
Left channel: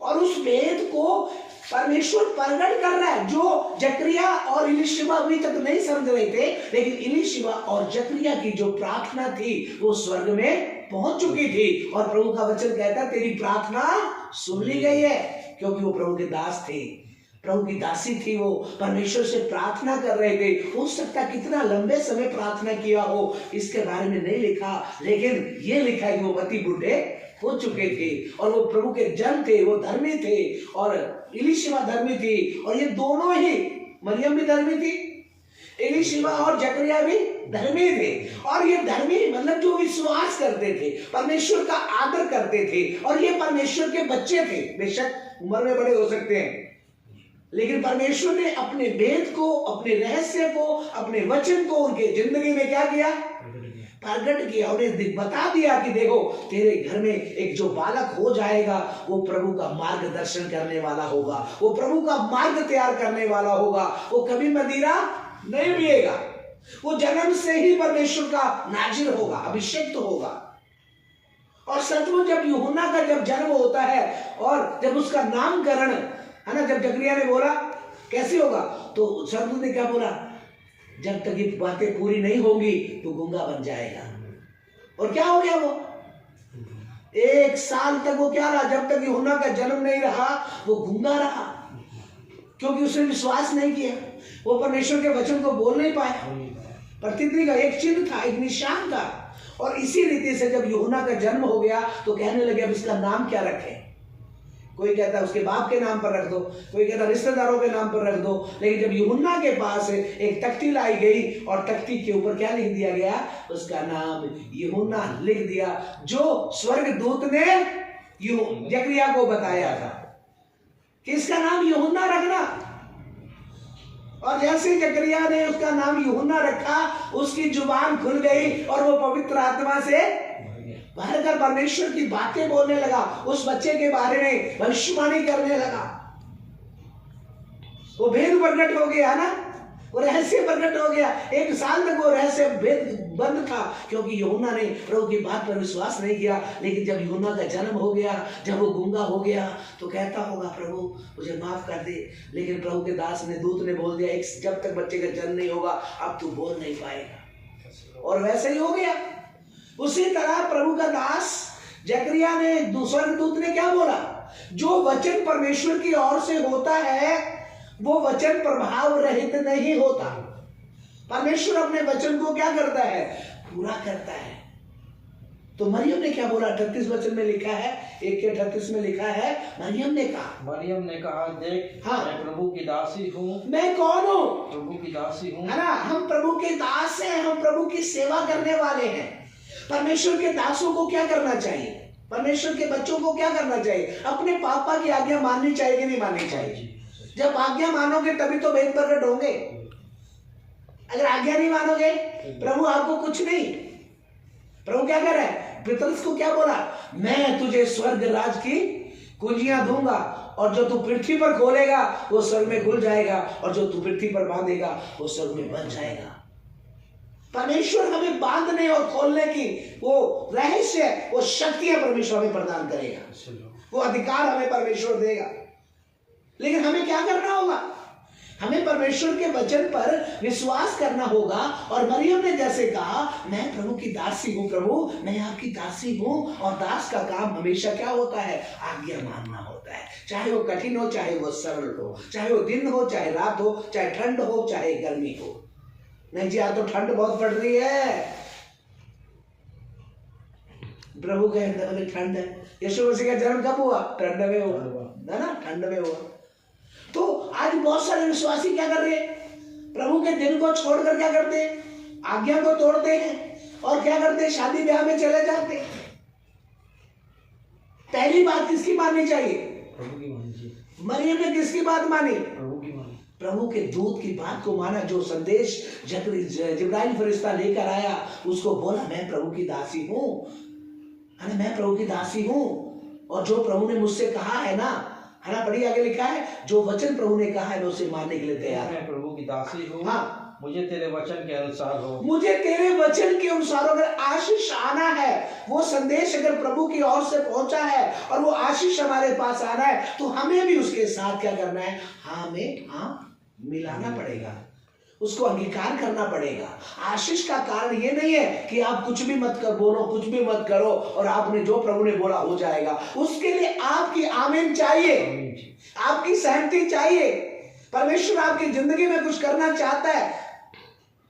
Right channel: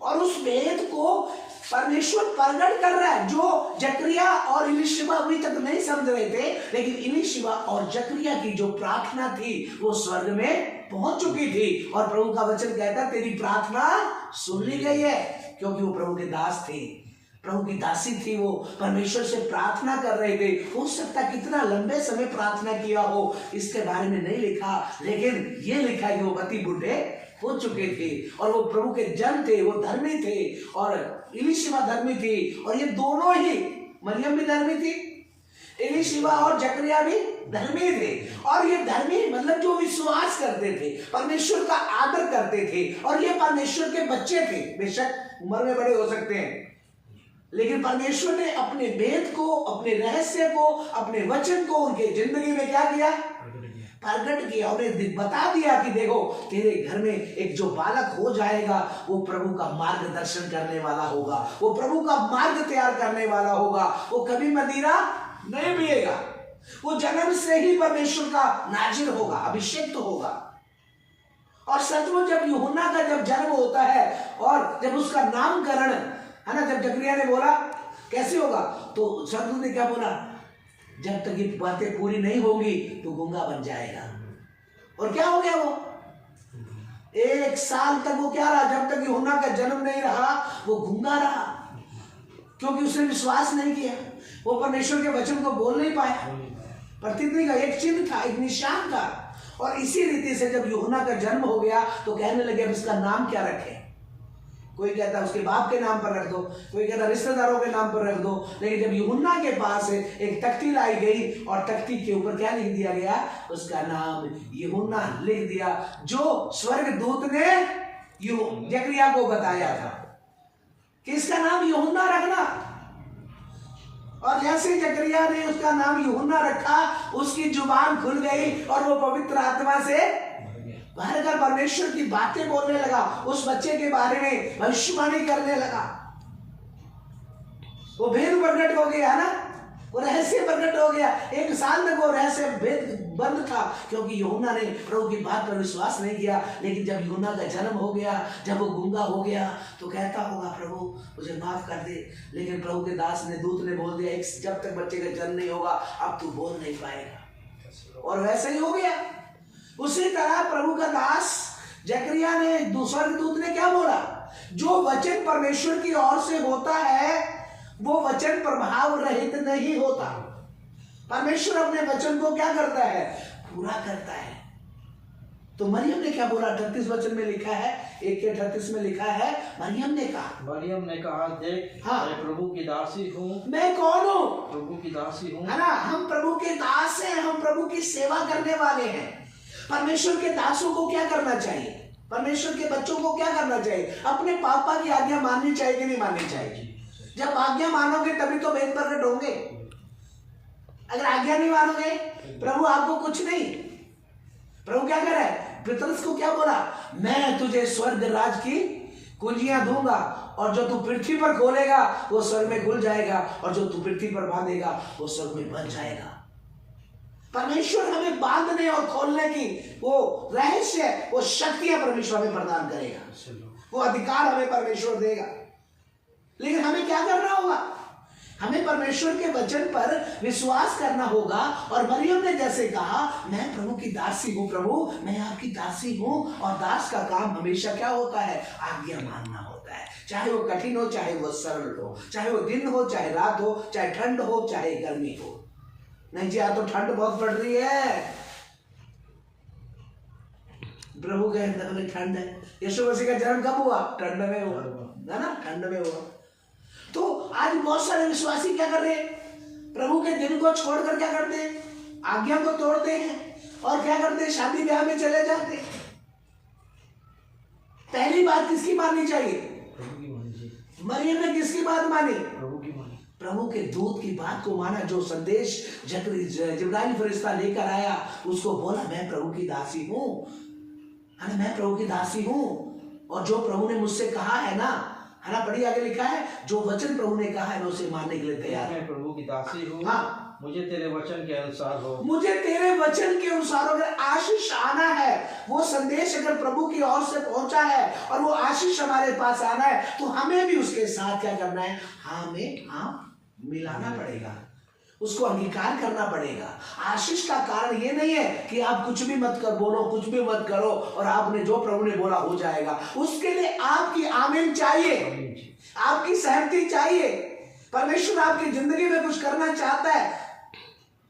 और उस भेद को परमेश्वर प्रकट कर रहा है, जो जकरिया और इलीशिबा अभी तक नहीं समझ रहे थे। लेकिन इलीशिबा और जकरिया की जो प्रार्थना थी वो स्वर्ग में पहुंच चुकी थी, और प्रभु का वचन कहता है तेरी प्रार्थना सुन ली गई है। क्योंकि वो प्रभु के दास थे, प्रभु की दासी थी, वो परमेश्वर से प्रार्थना कर रहे थे। हो सकता कितना लंबे समय प्रार्थना किया हो, इसके बारे में नहीं लिखा, लेकिन ये लिखा है कि वो पति बूढ़े हो चुके थे, और वो प्रभु के जन थे, वो धर्मी थे, और इलीशिबा धर्मी थी, और ये दोनों ही, मरियम भी धर्मी थी, इलीशिबा और जकरिया भी धर्मी थे। और ये धर्मी मतलब जो विश्वास करते थे, परमेश्वर का आदर करते थे, और ये परमेश्वर के बच्चे थे। बेशक उम्र में बड़े हो सकते हैं, लेकिन परमेश्वर ने अपने वेद को, अपने रहस्य को, अपने वचन को उनके जिंदगी में क्या किया? प्रकट किया। उन्हें बता दिया कि देखो तेरे घर में एक जो बालक हो जाएगा वो प्रभु का मार्गदर्शन करने वाला होगा, वो प्रभु का मार्ग तैयार करने वाला होगा, वो कभी मदिरा नहीं पिएगा, वो जन्म से ही परमेश्वर का नाजिर होगा, अभिषेक होगा। और सचमुच जब यूहन्ना का जब जन्म होता है और जब उसका नामकरण है ना, जब जकरिया ने बोला कैसे होगा, तो सदगुरु ने क्या बोला? जब तक ये बातें पूरी नहीं होंगी तो गूंगा बन जाएगा। और क्या हो गया? वो 1 साल तक वो क्या रहा? जब तक यूहन्ना का जन्म नहीं रहा वो गूंगा रहा, क्योंकि उसने विश्वास नहीं किया, वो परमेश्वर के वचन को बोल नहीं पाया। प्रतिज्ञा का एक चिन्ह था, एक निशान था। और इसी रीति से जब यूहन्ना का जन्म हो गया तो कहने लगे अब इसका नाम क्या रखें। कोई कहता उसके बाप के नाम पर रख दो, कोई कहता रिश्तेदारों के नाम पर रख दो। लेकिन जब यूहन्ना के पास एक तख्ती लाई गई और तख्ती के ऊपर क्या लिख दिया गया? उसका नाम यूहन्ना लिख दिया, जो स्वर्गदूत ने जकरिया को बताया था कि इसका नाम यूहन्ना रखना। और जैसे जकरिया ने उसका नाम यूहन्ना रखा, उसकी जुबान खुल गई और वो पवित्र आत्मा से भरकर परमेश्वर की बातें बोलने लगा, उस बच्चे के बारे में भविष्यवाणी करने लगा। वो भेद प्रकट हो गया ना, वो रहस्य प्रकट हो गया। 1 साल तक वो रहस्य भेद बंद था, क्योंकि यूहन्ना ने प्रभु की बात पर विश्वास नहीं किया। लेकिन जब यूहन्ना का जन्म हो गया, जब वो गूंगा हो गया, तो कहता होगा प्रभु मुझे माफ कर दे। लेकिन प्रभु के दास ने, दूत ने बोल दिया जब तक बच्चे का जन्म नहीं होगा अब तू बोल नहीं पाएगा। और वैसे ही हो गया। उसी तरह प्रभु का दास जकरिया ने, दूसरे दूत ने क्या बोला? जो वचन परमेश्वर की ओर से होता है वो वचन प्रभाव रहित नहीं होता। परमेश्वर अपने वचन को क्या करता है? पूरा करता है। तो मरियम ने क्या बोला? 38 वचन में लिखा है, 1:38 में लिखा है, मरियम ने कहा देख, हाँ, मैं प्रभु की दासी हूँ। मैं कौन हूँ? प्रभु की दासी हूँ, है ना। हम प्रभु के दास हैं, हम प्रभु की सेवा करने वाले हैं। परमेश्वर के दासों को क्या करना चाहिए? परमेश्वर के बच्चों को क्या करना चाहिए? अपने पापा की आज्ञा माननी चाहिए कि नहीं माननी चाहिए? जब आज्ञा मानोगे तभी तो भेद प्रकट होंगे। अगर आज्ञा नहीं मानोगे प्रभु आपको कुछ नहीं। प्रभु क्या कर रहा है? पतरस को क्या बोला? मैं तुझे स्वर्ग राज की कुंजियां दूंगा, और जो तू पृथ्वी पर खोलेगा वो स्वर्ग में खुल जाएगा, और जो तू पृथ्वी पर बांधेगा वो स्वर्ग में बंध जाएगा। परमेश्वर हमें बांधने और खोलने की वो रहस्य, वो शक्तियां परमेश्वर हमें प्रदान करेगा, वो अधिकार हमें परमेश्वर देगा। लेकिन हमें क्या करना होगा? हमें परमेश्वर के वचन पर विश्वास करना होगा। और मरियम ने जैसे कहा मैं प्रभु की दासी हूँ, प्रभु मैं आपकी दासी हूँ। और दास का काम हमेशा क्या होता है? आज्ञा मानना होता है, चाहे वो कठिन हो, चाहे वो सरल हो, चाहे वो दिन हो, चाहे रात हो, चाहे ठंड हो, चाहे गर्मी हो। नहीं जी, आज तो ठंड बहुत पड़ रही है। प्रभु कहते ठंड है। यीशु मसीह का जन्म कब हुआ? ठंड में हुआ, है ना, ठंड में हुआ। तो आज बहुत सारे विश्वासी क्या कर रहे हैं? प्रभु के दिन को छोड़कर क्या करते हैं? आज्ञा को तोड़ते हैं और क्या करते हैं? शादी ब्याह में चले जाते हैं। पहली बात किसकी माननी चाहिए? प्रभु की माननी चाहिए। मरियम ने किसकी बात मानी? प्रभु की मानी। प्रभु के दूत की बात को माना। जो संदेश जिब्राइल फरिश्ता लेकर आया, उसको बोला मैं प्रभु की दासी हूँ, है ना, मैं प्रभु की दासी हूँ। और जो प्रभु ने मुझसे कहा है ना, पढ़िए आगे लिखा है, जो वचन प्रभु ने कहा है मैं उसे मानने के लिए तैयार। मैं प्रभु की दासी हूँ। हाँ, मुझे तेरे वचन के अनुसार हो। मुझे तेरे वचन के अनुसार। अगर आशीष आना है, वो संदेश अगर प्रभु की ओर से पहुंचा है और वो आशीष हमारे पास आना है, तो हमें भी उसके साथ क्या करना है? हाँ मिलाना पड़ेगा, उसको अंगीकार करना पड़ेगा। आशीष का कारण ये नहीं है कि आप कुछ भी मत कर बोलो, कुछ भी मत करो और आपने जो प्रभु ने बोला हो जाएगा। उसके लिए आपकी आमीन चाहिए, आपकी सहमति चाहिए। परमेश्वर आपकी जिंदगी में कुछ करना चाहता है,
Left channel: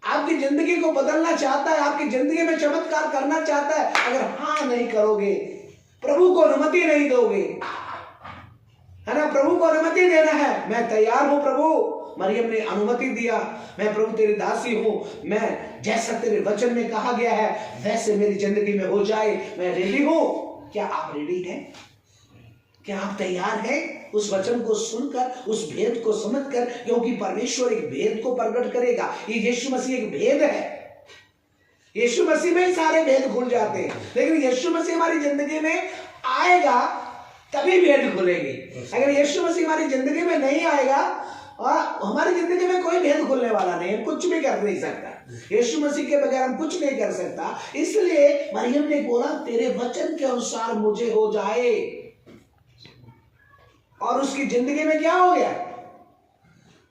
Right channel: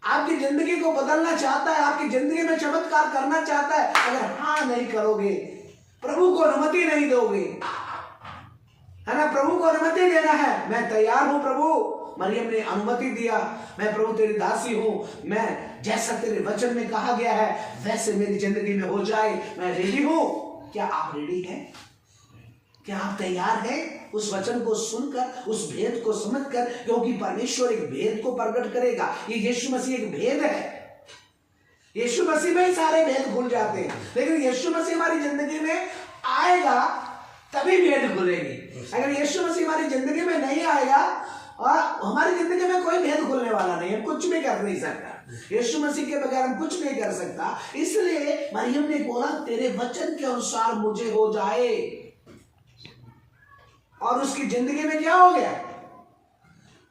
आपकी जिंदगी को बदलना चाहता है, आपकी जिंदगी में चमत्कार करना चाहता है। अगर हाँ नहीं करोगे, प्रभु को अनुमति नहीं दोगे, है ना, प्रभु को अनुमति देना है, मैं तैयार हूं प्रभु। मरियम ने अनुमति दिया, मैं प्रभु तेरी दासी हूं, मैं जैसा तेरे वचन में कहा गया है वैसे मेरी जिंदगी में हो जाए, मैं रेडी हूं। क्या आप रेडी हैं? क्या आप तैयार हैं उस वचन को सुनकर, उस भेद को समझकर? क्योंकि परमेश्वर एक भेद को प्रकट करेगा। ये यीशु मसीह एक भेद है। यीशु मसीह में ही सारे भेद खुल जाते हैं, लेकिन यीशु मसीह हमारी जिंदगी में आएगा तभी भेद खुलेंगे। अगर यीशु मसीह हमारी जिंदगी में नहीं आएगा और हमारी जिंदगी में कोई भेद खुलने वाला नहीं है, कुछ भी कर नहीं सकता। यीशु मसीह के बगैर हम कुछ नहीं कर सकता। इसलिए मरियम ने बोला तेरे वचन के अनुसार मुझे हो जाए, और उसकी जिंदगी में क्या हो गया?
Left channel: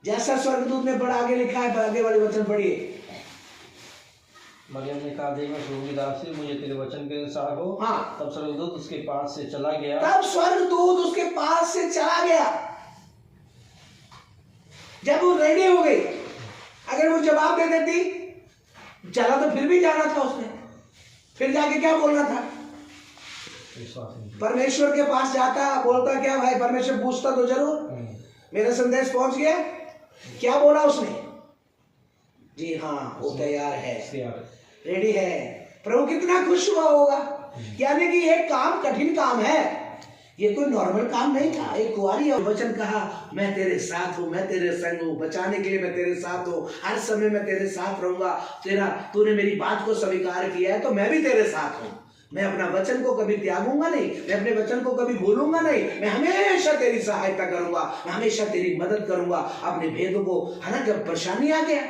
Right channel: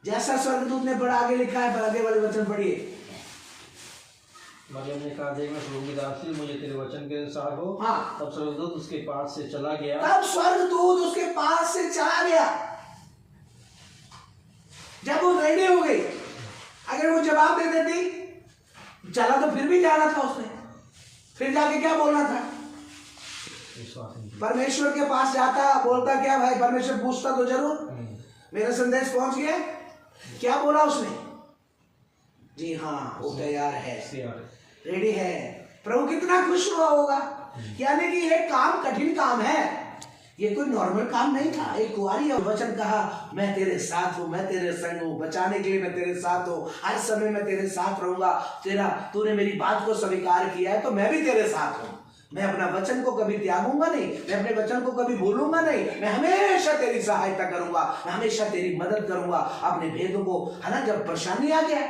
जैसा स्वर्गदूत ने बड़ा आगे लिखा है, आगे वाले वचन पढ़िए। मरियम ने कहा, देख मैं प्रभु की दासी, मुझे तेरे वचन के अनुसार हो। हाँ, तब स्वर्गदूत उसके पास से चला गया। तब स्वर्गदूत उसके पास से चला गया। जब वो रेडी हो गई, अगर वो जवाब दे देती, चला तो फिर भी जाना था उसने, फिर जाके क्या बोलना था? परमेश्वर के पास जाता, बोलता क्या भाई? परमेश्वर पूछता तो जरूर मेरा संदेश पहुंच गया, क्या बोला उसने? जी हाँ, वो तैयार है, रेडी है। प्रभु कितना खुश हुआ होगा। यानी कि ये काम कठिन काम है, ये कोई नॉर्मल काम नहीं था। एक कुंवारी वचन कहा, मैं तेरे साथ हूँ, मैं तेरे संग हूँ, बचाने के लिए मैं तेरे साथ हूँ, हर समय मैं तेरे साथ रहूंगा। तूने मेरी बात को स्वीकार किया है तो मैं भी तेरे साथ हूँ। मैं अपना वचन को कभी त्यागूंगा नहीं, मैं अपने वचन को कभी भूलूंगा नहीं, मैं हमेशा तेरी सहायता करूंगा, मैं हमेशा तेरी मदद करूंगा। अपने भेदों को, है ना, जब परेशानी आ गया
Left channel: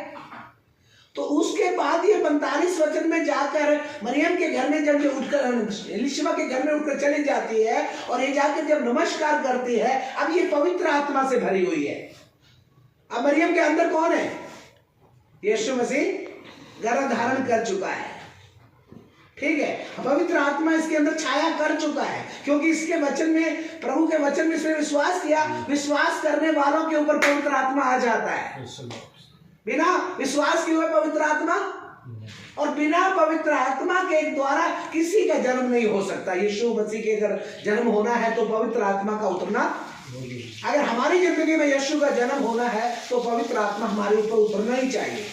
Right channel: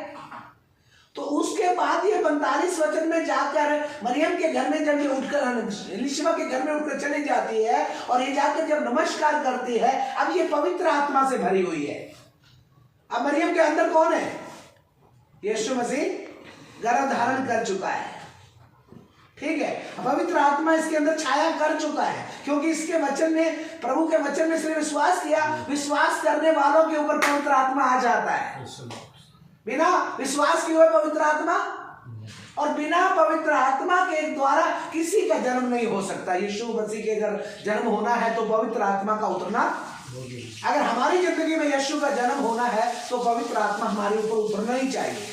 तो उसके बाद ये 45 वचन में जाकर मरियम के घर में जब ये उठकर एलिशबा के घर में उठकर चली जाती है और ये जाकर जब नमस्कार करती है, अब ये पवित्र आत्मा से भरी हुई है। अब मरियम के अंदर कौन है? यीशु मसीह गर्भ धारण कर चुका है, ठीक है। पवित्र आत्मा इसके अंदर छाया कर चुका है, क्योंकि इसके वचन में, प्रभु के वचन में इसने विश्वास किया। विश्वास करने वालों के ऊपर पवित्र आत्मा आ जाता है। बिना विश्वास के हुए पवित्र आत्मा, और बिना पवित्र आत्मा के द्वारा किसी का जन्म नहीं हो सकता। यीशु मसीह के अगर जन्म होना है तो पवित्र आत्मा का उतरना, अगर हमारी जिंदगी में यीशु का जन्म होना है तो पवित्र आत्मा हमारे ऊपर उतरना ही चाहिए।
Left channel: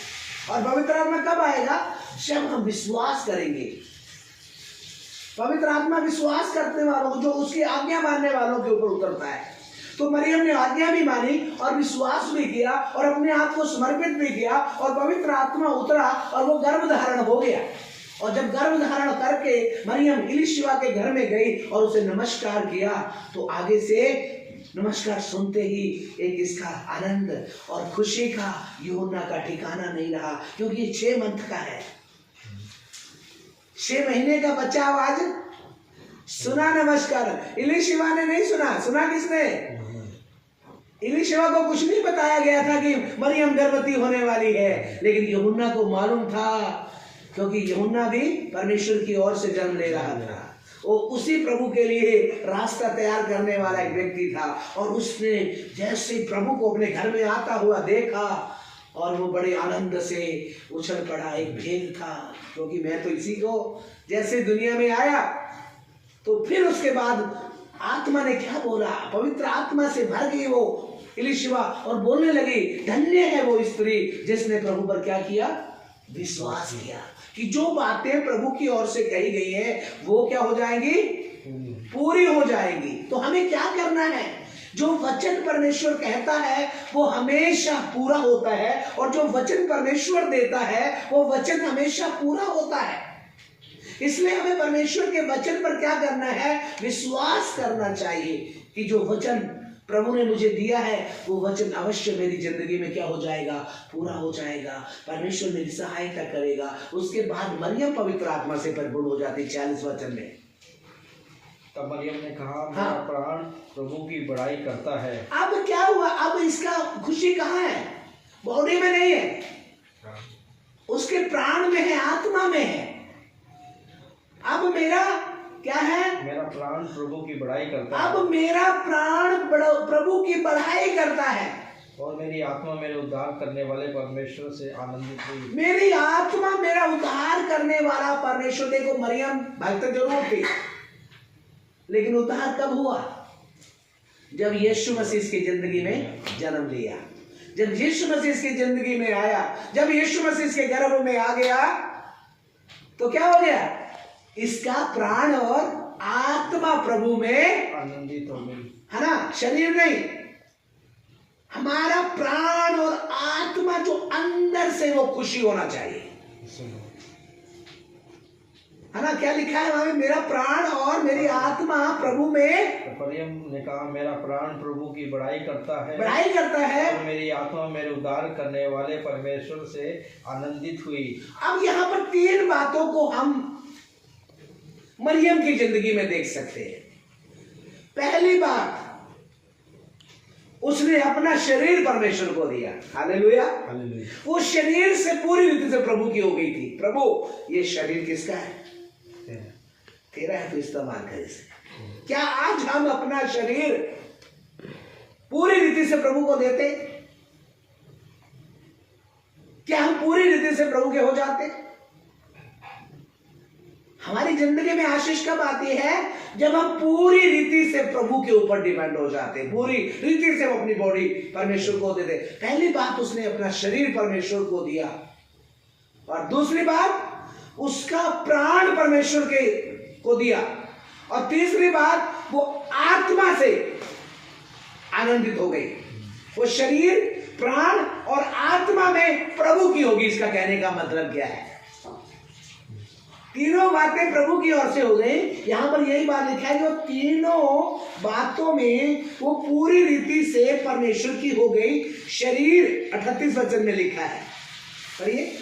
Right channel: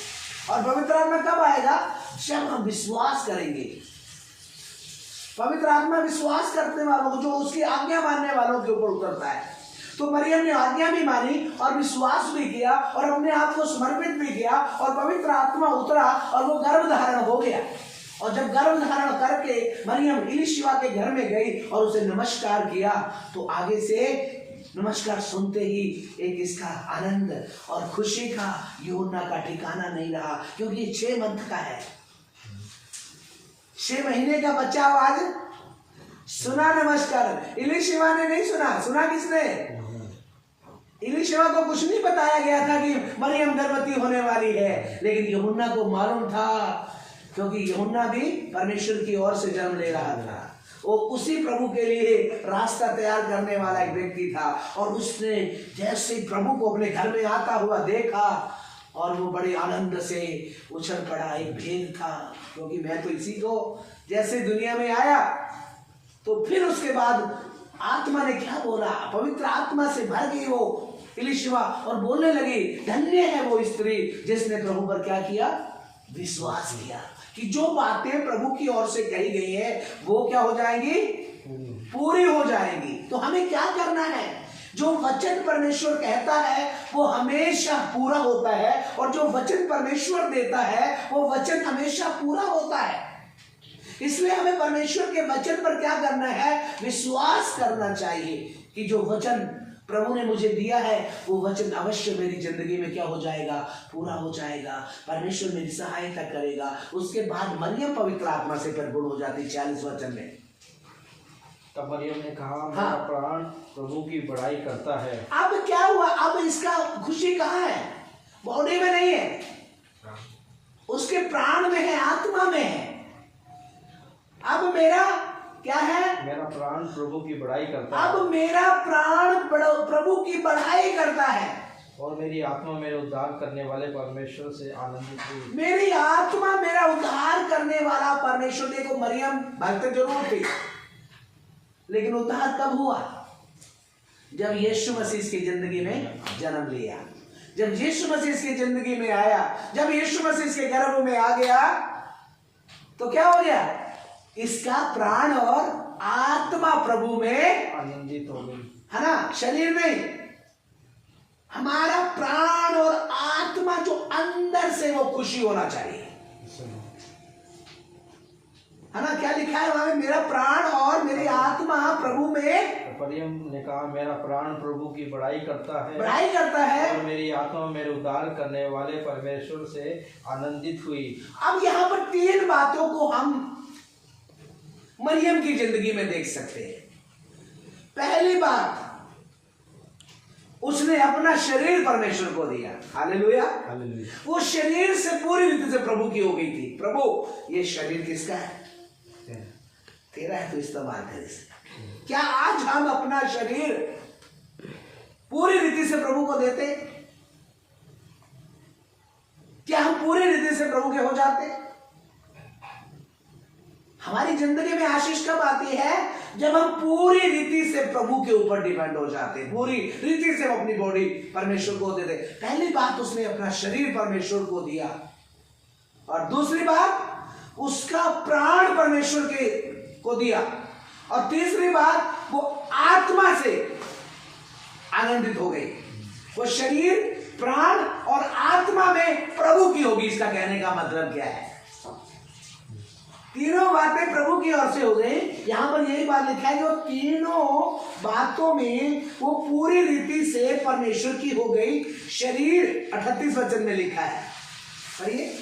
और पवित्र आत्मा कब आएगा? जब हम विश्वास करेंगे। पवित्र आत्मा विश्वास करने वालों को, जो उसकी आज्ञा मानने वालों के ऊपर उतरता है। तो मरियम ने आज्ञा भी मानी और विश्वास भी किया और अपने आप को समर्पित भी किया और पवित्र आत्मा उतरा और वो गर्भ धारण हो गया। और जब गर्भ धारण करके मरियम एलीशिबा के घर में गई और उसे नमस्कार किया, तो आगे से नमस्कार सुनते ही एक इसका आनंद और खुशी का, यूहन्ना का ठिकाना नहीं रहा, क्योंकि ये 6 मंथ का है, 6 महीने का बच्चा। आवाज सुना नमस्कार, एलीशिबा ने नहीं सुना। सुना किसने? एलीशिबा को कुछ नहीं बताया गया था कि मरियम गर्भवती होने वाली है, लेकिन यूहन्ना को मालूम था, क्योंकि यूहन्ना भी परमेश्वर की ओर से जन्म ले रहा था। वो उसी प्रभु के लिए रास्ता तैयार करने वाला एक व्यक्ति था। और उसने जैसे प्रभु को अपने घर में आता हुआ देखा और वो बड़े आनंद से उछल पड़ा। एक भेद था, क्योंकि मैं तो इसी को जैसे दुनिया में आया। तो फिर उसके बाद आत्मा ने क्या बोला? पवित्र आत्मा से भर गई वो एलीशिबा और बोलने लगी, धन्य है वो स्त्री जिसने प्रभु पर क्या किया? विश्वास किया कि जो बातें प्रभु की ओर से कही गई है वो क्या हो जाएंगी? पूरी हो जाएगी। तो हमें क्या करना है? जो वचन परमेश्वर कहता है वो हमेशा पूरा होता है, और जो वचन परमेश्वर देता है वो वचन हमेशा पूरा होता है। इसलिए हमें परमेश्वर के वचन पर क्या करना है? विश्वास करना चाहिए कि जो वचन प्रभु ने मुझे दिया है वो वचन अवश्य मेरी जिंदगी में क्या हो जाएगा? पूरा हो जाएगा। परमेश्वर मेरी सहायता करेगा। उसके बाद मरियम पवित्र आत्मा से परिपूर्ण हो जाती 40 वचन में। तब मरियम ने कहा, मेरा प्राण प्रभु की बड़ाई करता है। अब क्या हुआ? अब इसका खुशी कहाँ है? बॉडी में नहीं है, उसके प्राण में है, आत्मा में है। अब मेरा क्या है? मेरा प्राण प्रभु की बड़ाई करता है। अब मेरा प्राण प्रभु की बढ़ाई करता है, और मेरी आत्मा मेरे उद्धार करने वाले परमेश्वर से आनंदित हुई। मेरी आत्मा मेरा उद्धार करने वाला परमेश्वर। देखो, मरियम भक्त जरूर थी, लेकिन उद्धार कब हुआ? जब यीशु मसीह इसकी जिंदगी में जन्म लिया, जब यीशु मसीह इसकी जिंदगी में आया, जब यीशु मसीह इसके गर्भ में आ गया, तो क्या हो गया? इसका प्राण और आत्मा प्रभु में आनंदित हो गई, है ना? शरीर नहीं, हमारा प्राण और आत्मा जो अंदर से वो खुशी होना चाहिए, है ना? क्या लिखा है वहां में? मेरा प्राण और मेरी आत्मा प्रभु में। तो मरियम ने कहा, मेरा प्राण प्रभु की बड़ाई करता है, बड़ाई करता है, और मेरी आत्मा मेरे उद्धार करने वाले परमेश्वर से आनंदित हुई। अब यहाँ पर 3 बातों को हम मरियम की जिंदगी में देख सकते हैं। पहली बात, उसने अपना शरीर परमेश्वर को दिया। Hallelujah, hallelujah. वो शरीर से पूरी रीति से प्रभु की हो गई थी। प्रभु, ये शरीर किसका है? तेरा है, तो इस्तेमाल कर इसे। क्या आज हम अपना शरीर पूरी रीति से प्रभु को देते? क्या हम पूरी रीति से प्रभु के हो जाते? हमारी जिंदगी में आशीष कब आती है? जब हम पूरी रीति से प्रभु के ऊपर डिपेंड हो जाते हैं, पूरी रीति से हम अपनी बॉडी परमेश्वर को देते। पहली बात, उसने अपना शरीर परमेश्वर को दिया, और दूसरी बात, उसका प्राण परमेश्वर के को दिया, और तीसरी बात, वो आत्मा से आनंदित हो गई। वो शरीर, प्राण और आत्मा में प्रभु की होगी। इसका कहने का मतलब क्या है? तीनों बातें प्रभु की ओर से हो गई। यहां पर यही बात लिखा है, जो तीनों बातों में वो पूरी रीति से परमेश्वर की हो गई। शरीर 38 वचन में लिखा है, पढ़िए।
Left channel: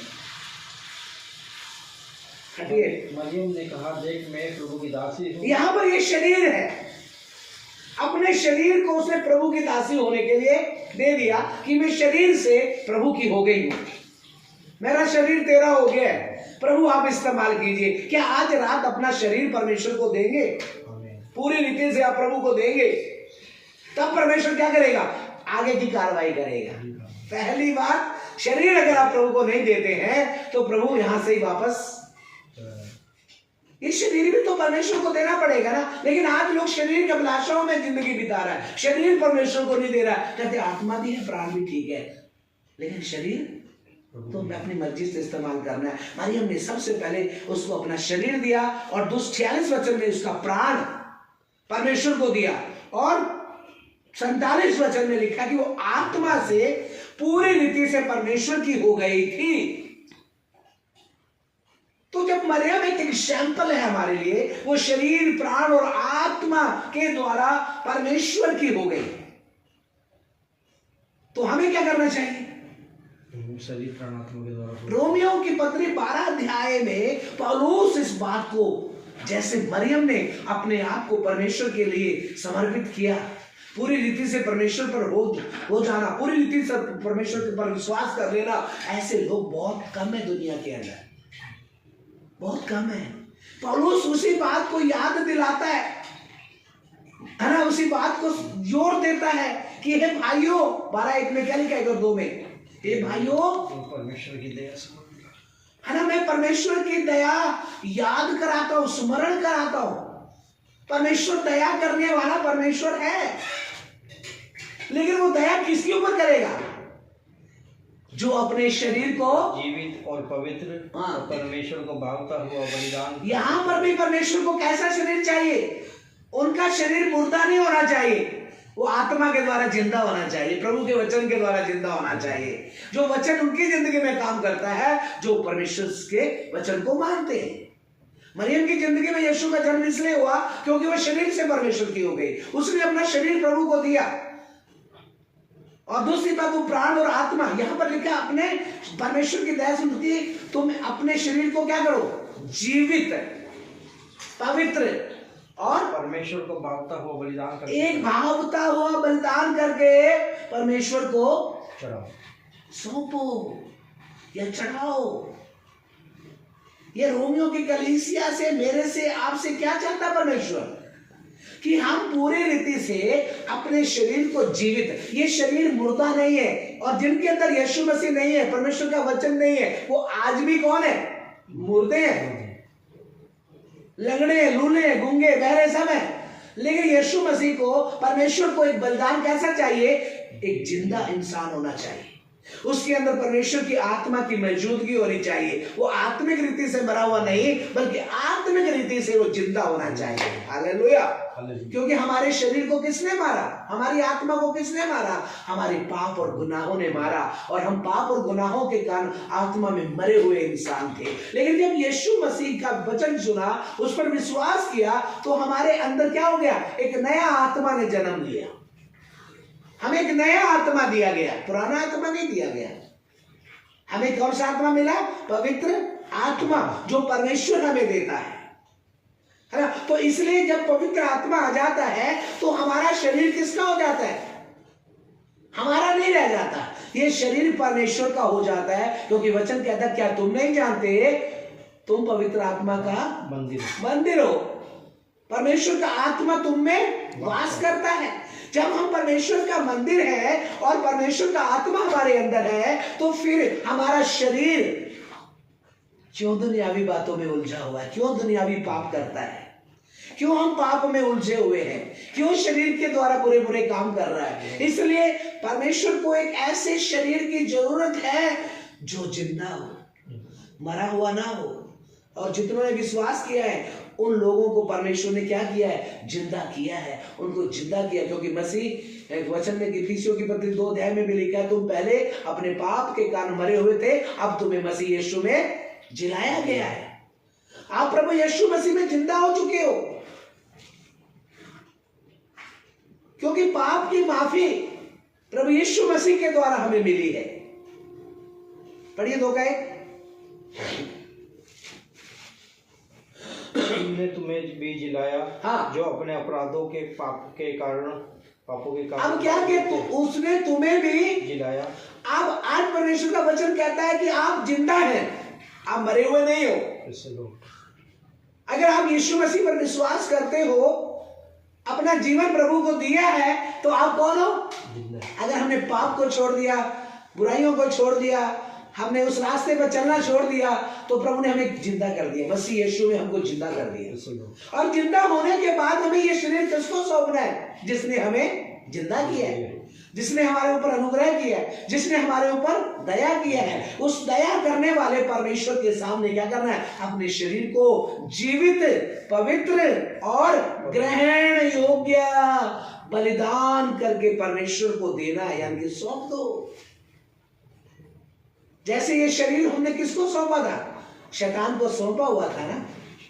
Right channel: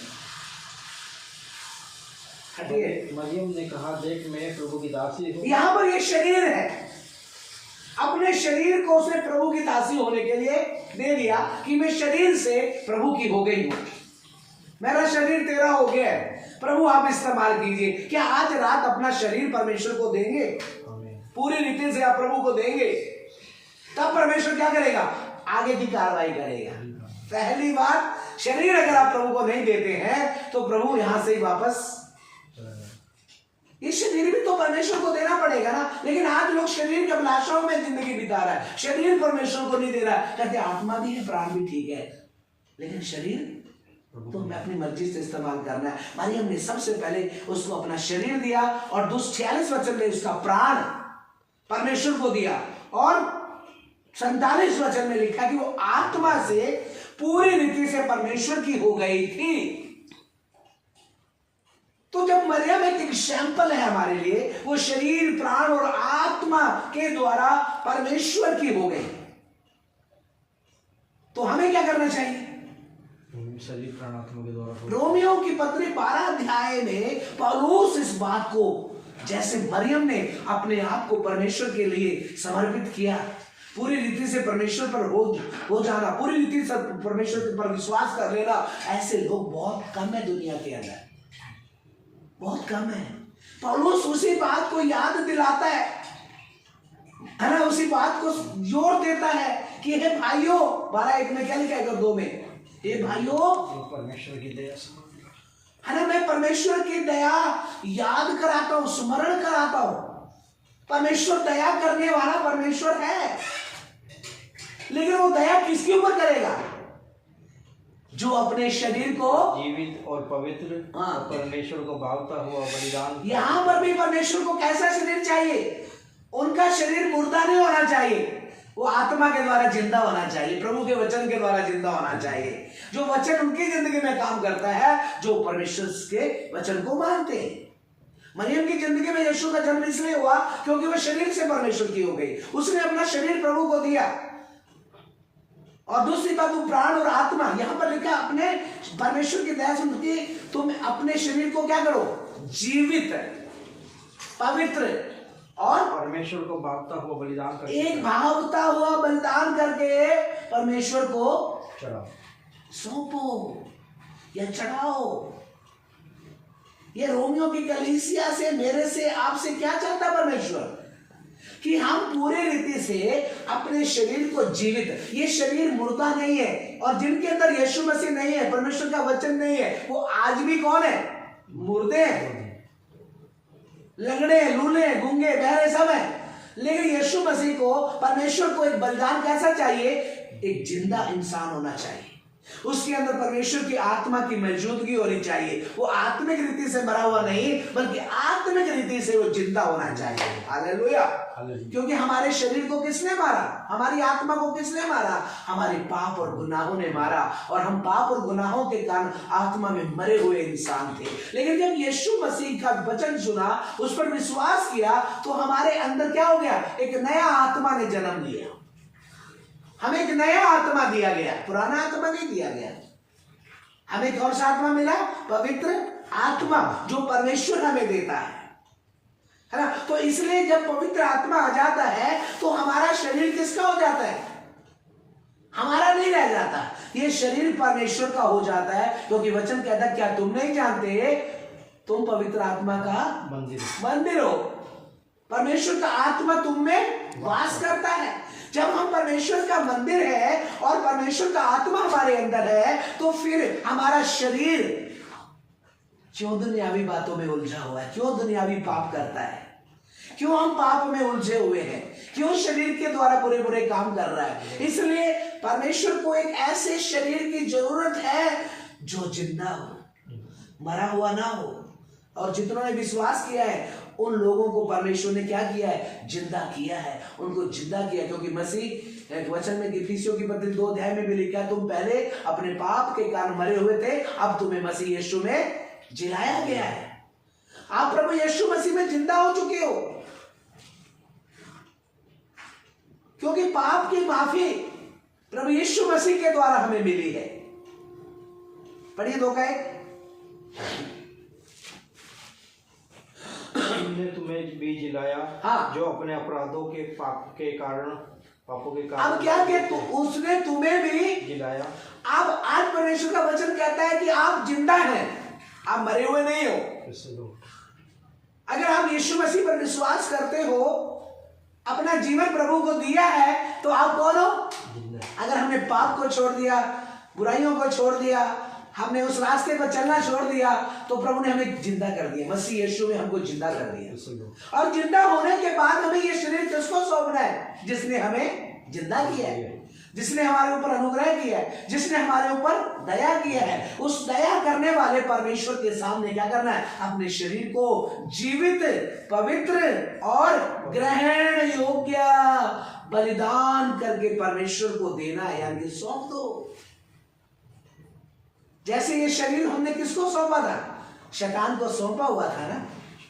मरियम ने कहा, देख मैं प्रभु की दासी हूँ। यहां पर ये शरीर है, अपने शरीर को उसने प्रभु की दासी होने के लिए दे दिया कि मैं शरीर से प्रभु की हो गई हूं। मेरा शरीर तेरा हो गया है, प्रभु आप इस्तेमाल कीजिए। क्या आज रात अपना शरीर परमेश्वर को देंगे? पूरी रीति से आप प्रभु को देंगे, तब परमेश्वर क्या करेगा? आगे की कार्रवाई करेगा। पहली बात, शरीर अगर आप प्रभु को नहीं देते हैं तो प्रभु यहां से ही वापस, इस शरीर भी तो परमेश्वर को देना पड़ेगा ना। लेकिन आज लोग शरीर के अभिलाषाओं में जिंदगी बिता रहा है, शरीर परमेश्वर को नहीं दे रहा है। कहते आत्मा भी है, प्राण भी ठीक है, लेकिन शरीर तो मैं अपनी मर्जी से इस्तेमाल करना है। मरियम ने सबसे पहले उसको अपना शरीर दिया, और 46 वचन में उसका प्राण परमेश्वर को दिया, और 47 वचन में लिखा कि वो आत्मा से पूरी रीति से परमेश्वर की हो गई थी। तो जब मरियम एक एग्जाम्पल है हमारे लिए, वो शरीर, प्राण और आत्मा के द्वारा परमेश्वर की हो गई, तो हमें क्या करना चाहिए? शरीर, प्राण, आत्मा के द्वारा। रोमियो की पत्री 12 अध्याय में पौलुस इस बात को, जैसे मरियम ने अपने आप को परमेश्वर के लिए समर्पित किया, पूरी रीति से परमेश्वर पर हो जाना, पूरी रीति से परमेश्वर पर विश्वास कर लेना, ऐसे लोग बहुत कम है दुनिया के अंदर, बहुत कम है। पौलुस उसी बात को याद दिलाता है ना, उसी बात को जोर देता है कि हे भाइयों, 12:1 में क्या लिखा है? 2 में, हे भाइयों, परमेश्वर की दया है ना, मैं परमेश्वर की दया याद कराता हूं, स्मरण कराता हूं। परमेश्वर दया करने वाला परमेश्वर है, लेकिन वो दया किसके ऊपर करेगा? जो अपने शरीर को जीवित और पवित्र और परमेश्वर को भावता हुआ बलिदान। यहां पर भी परमेश्वर को कैसा शरीर चाहिए? उनका शरीर मुर्दा नहीं होना चाहिए, वो आत्मा के द्वारा जिंदा होना चाहिए, प्रभु के वचन के द्वारा जिंदा होना चाहिए। जो वचन उनकी जिंदगी में काम करता है, जो परमेश्वर के वचन को मानते हैं। मरियम की जिंदगी में यीशु का जन्म इसलिए हुआ क्योंकि वह शरीर से परमेश्वर की हो गई, उसने अपना शरीर प्रभु को दिया। और दूसरी बात, वो प्राण और आत्मा, यहां पर लिखा अपने परमेश्वर की दया से होती है, तुम अपने शरीर को क्या करो, जीवित, पवित्र और परमेश्वर को भावता हुआ बलिदान करके, एक भावता हुआ बलिदान करके परमेश्वर को चढ़ाओ, सौंपो या चढ़ाओ। ये रोमियो की कलीसिया से, मेरे से, आपसे क्या चाहता परमेश्वर, कि हम पूरी रीति से अपने शरीर को जीवित, ये शरीर मुर्दा नहीं है, और जिनके अंदर यीशु मसीह नहीं है, परमेश्वर का वचन नहीं है, वो आज भी कौन है, मुर्दे हैं, लंगड़े, लूले, गूंगे, बहरे सब हैं। लेकिन यीशु मसीह को, परमेश्वर को एक बलिदान कैसा चाहिए, एक जिंदा इंसान होना चाहिए, उसके अंदर परमेश्वर की आत्मा की मौजूदगी होनी चाहिए। वो आत्मिक रीति से मरा हुआ नहीं, बल्कि आत्मिक रीति से वो जिंदा होना चाहिए। हालेलुया। क्योंकि हमारे शरीर को किसने मारा, हमारी आत्मा को किसने मारा, हमारे पाप और गुनाहों ने मारा, और हम पाप और गुनाहों के कारण आत्मा में मरे हुए इंसान थे। लेकिन जब यीशु मसीह का वचन सुना, उस पर विश्वास किया, तो हमारे अंदर क्या हो गया, एक नया आत्मा ने जन्म लिया, हमें एक नया आत्मा दिया गया, पुराना आत्मा नहीं दिया गया। हमें कौन सा आत्मा मिला, पवित्र आत्मा, जो परमेश्वर हमें देता है ना। तो इसलिए जब पवित्र आत्मा आ जाता है, तो हमारा शरीर किसका हो जाता है, हमारा नहीं रह जाता, ये शरीर परमेश्वर का हो जाता है। क्योंकि वचन कहता है, क्या तुम नहीं जानते तुम पवित्र आत्मा का मंदिर हो, परमेश्वर का आत्मा तुम में वास करता है। जब हम परमेश्वर का मंदिर है और परमेश्वर का आत्मा हमारे अंदर है, तो फिर हमारा शरीर क्यों दुनियावी बातों में उलझा हुआ है, क्यों दुनियावी पाप करता है, क्यों हम पाप में उलझे हुए हैं, क्यों शरीर के द्वारा बुरे बुरे काम कर रहा है। इसलिए परमेश्वर को एक ऐसे शरीर की जरूरत है जो जिंदा हो, मरा हुआ ना हो। और जितनों ने विश्वास किया है, उन लोगों को परमेश्वर ने क्या किया है, जिंदा किया है, उनको जिंदा किया। क्योंकि मसीह वचन में इफिसियों की पत्री 2 अध्याय में भी लिखा है, तुम पहले अपने पाप के कारण मरे हुए थे, अब तुम्हें मसीह यीशु में जिलाया गया है। आप प्रभु यीशु मसीह में जिंदा हो चुके हो, क्योंकि पाप की माफी प्रभु यीशु मसीह के द्वारा हमें मिली है। पढ़िए 2 ने तुम्हें भी जिलाया, हाँ, जो अपने अपराधों के पापों के कारण अब क्या कि उसने तुम्हें भी जिलाया। अब आज परमेश्वर का वचन कहता है कि आप जिंदा हैं, आप मरे हुए नहीं हो। अगर आप यीशु मसीह पर विश्वास करते हो, अपना जीवन प्रभु को दिया है, तो आप कौन हो, अगर हमने पाप को छोड़ दिया, बुराइयों को छोड़ दिया, हमने उस रास्ते पर चलना छोड़ दिया, तो प्रभु ने हमें जिंदा कर दिया, मसीह यीशु में हमको जिंदा कर दिया। और जिंदा होने के बाद हमें ये शरीर किसको सौंपना है, जिसने हमें जिंदा किया है, जिसने हमारे ऊपर अनुग्रह किया है, जिसने हमारे ऊपर दया किया है। उस दया करने वाले परमेश्वर के सामने क्या करना है, अपने शरीर को जीवित, पवित्र और ग्रहण योग्य बलिदान करके परमेश्वर को देना है, यानी कि सौंप दो। जैसे ये शरीर हमने किसको सौंपा था, शैतान को सौंपा हुआ था ना,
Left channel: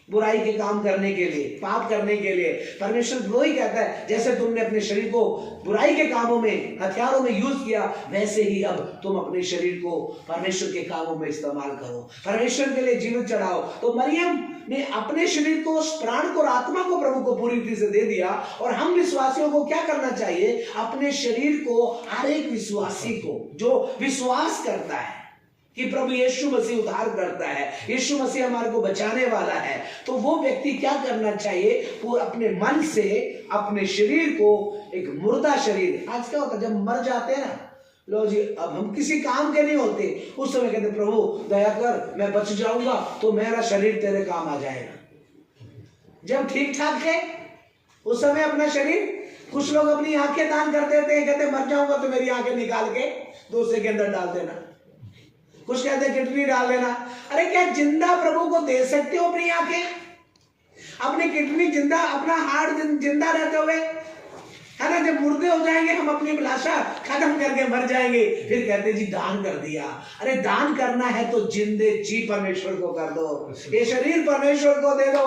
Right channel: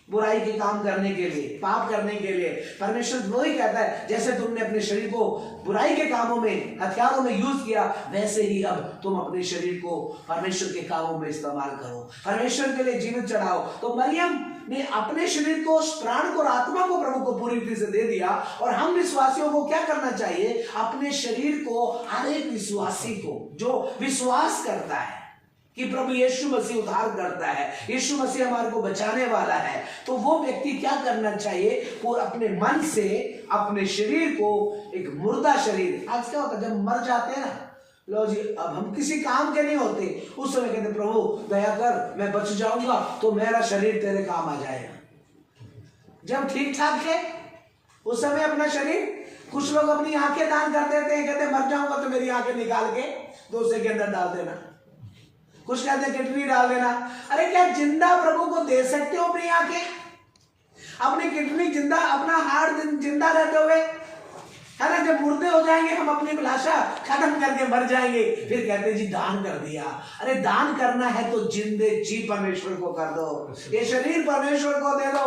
बुराई के काम करने के लिए, पाप करने के लिए। परमेश्वर वही कहता है, जैसे तुमने अपने शरीर को बुराई के कामों में, हथियारों में यूज किया, वैसे ही अब तुम अपने शरीर को परमेश्वर के कामों में इस्तेमाल करो, परमेश्वर के लिए जीवित चढ़ाओ। तो मरियम ने अपने शरीर को, उस प्राण को और आत्मा को प्रभु को पूरी रीति से दे दिया। और हम विश्वासियों को क्या करना चाहिए, अपने शरीर को, हर एक विश्वासी को जो विश्वास करता है कि प्रभु यीशु मसीह उद्धार करता है, यीशु मसीह हमारे को बचाने वाला है, तो वो व्यक्ति क्या करना चाहिए, वो अपने मन से अपने शरीर को, एक मुर्दा शरीर, आज क्या होता है जब मर जाते हैं ना, लो जी अब हम किसी काम के नहीं होते, उस समय कहते प्रभु दया कर, मैं बच जाऊंगा तो मेरा शरीर तेरे काम आ जाएगा। जब ठीक ठाक है उस समय अपना शरीर, कुछ लोग अपनी आंखें दान कर देते हैं, कहते मर जाऊंगा तो मेरी आंखें निकाल के दूसरे के अंदर डाल देना, कुछ कहते हैं किडनी डाल देना। अरे क्या जिंदा प्रभु को दे सकते हो अपनी आंखें? अपनी किडनी जिंदा, अपना हार्ट जिंदा रहते हुए, है ना, जब मुर्दे हो जाएंगे हम अपनी अभिलाषा खत्म करके मर जाएंगे, फिर कहते जी दान कर दिया। अरे दान करना है तो जिंदे जी परमेश्वर को कर दो, ये शरीर परमेश्वर को दे दो,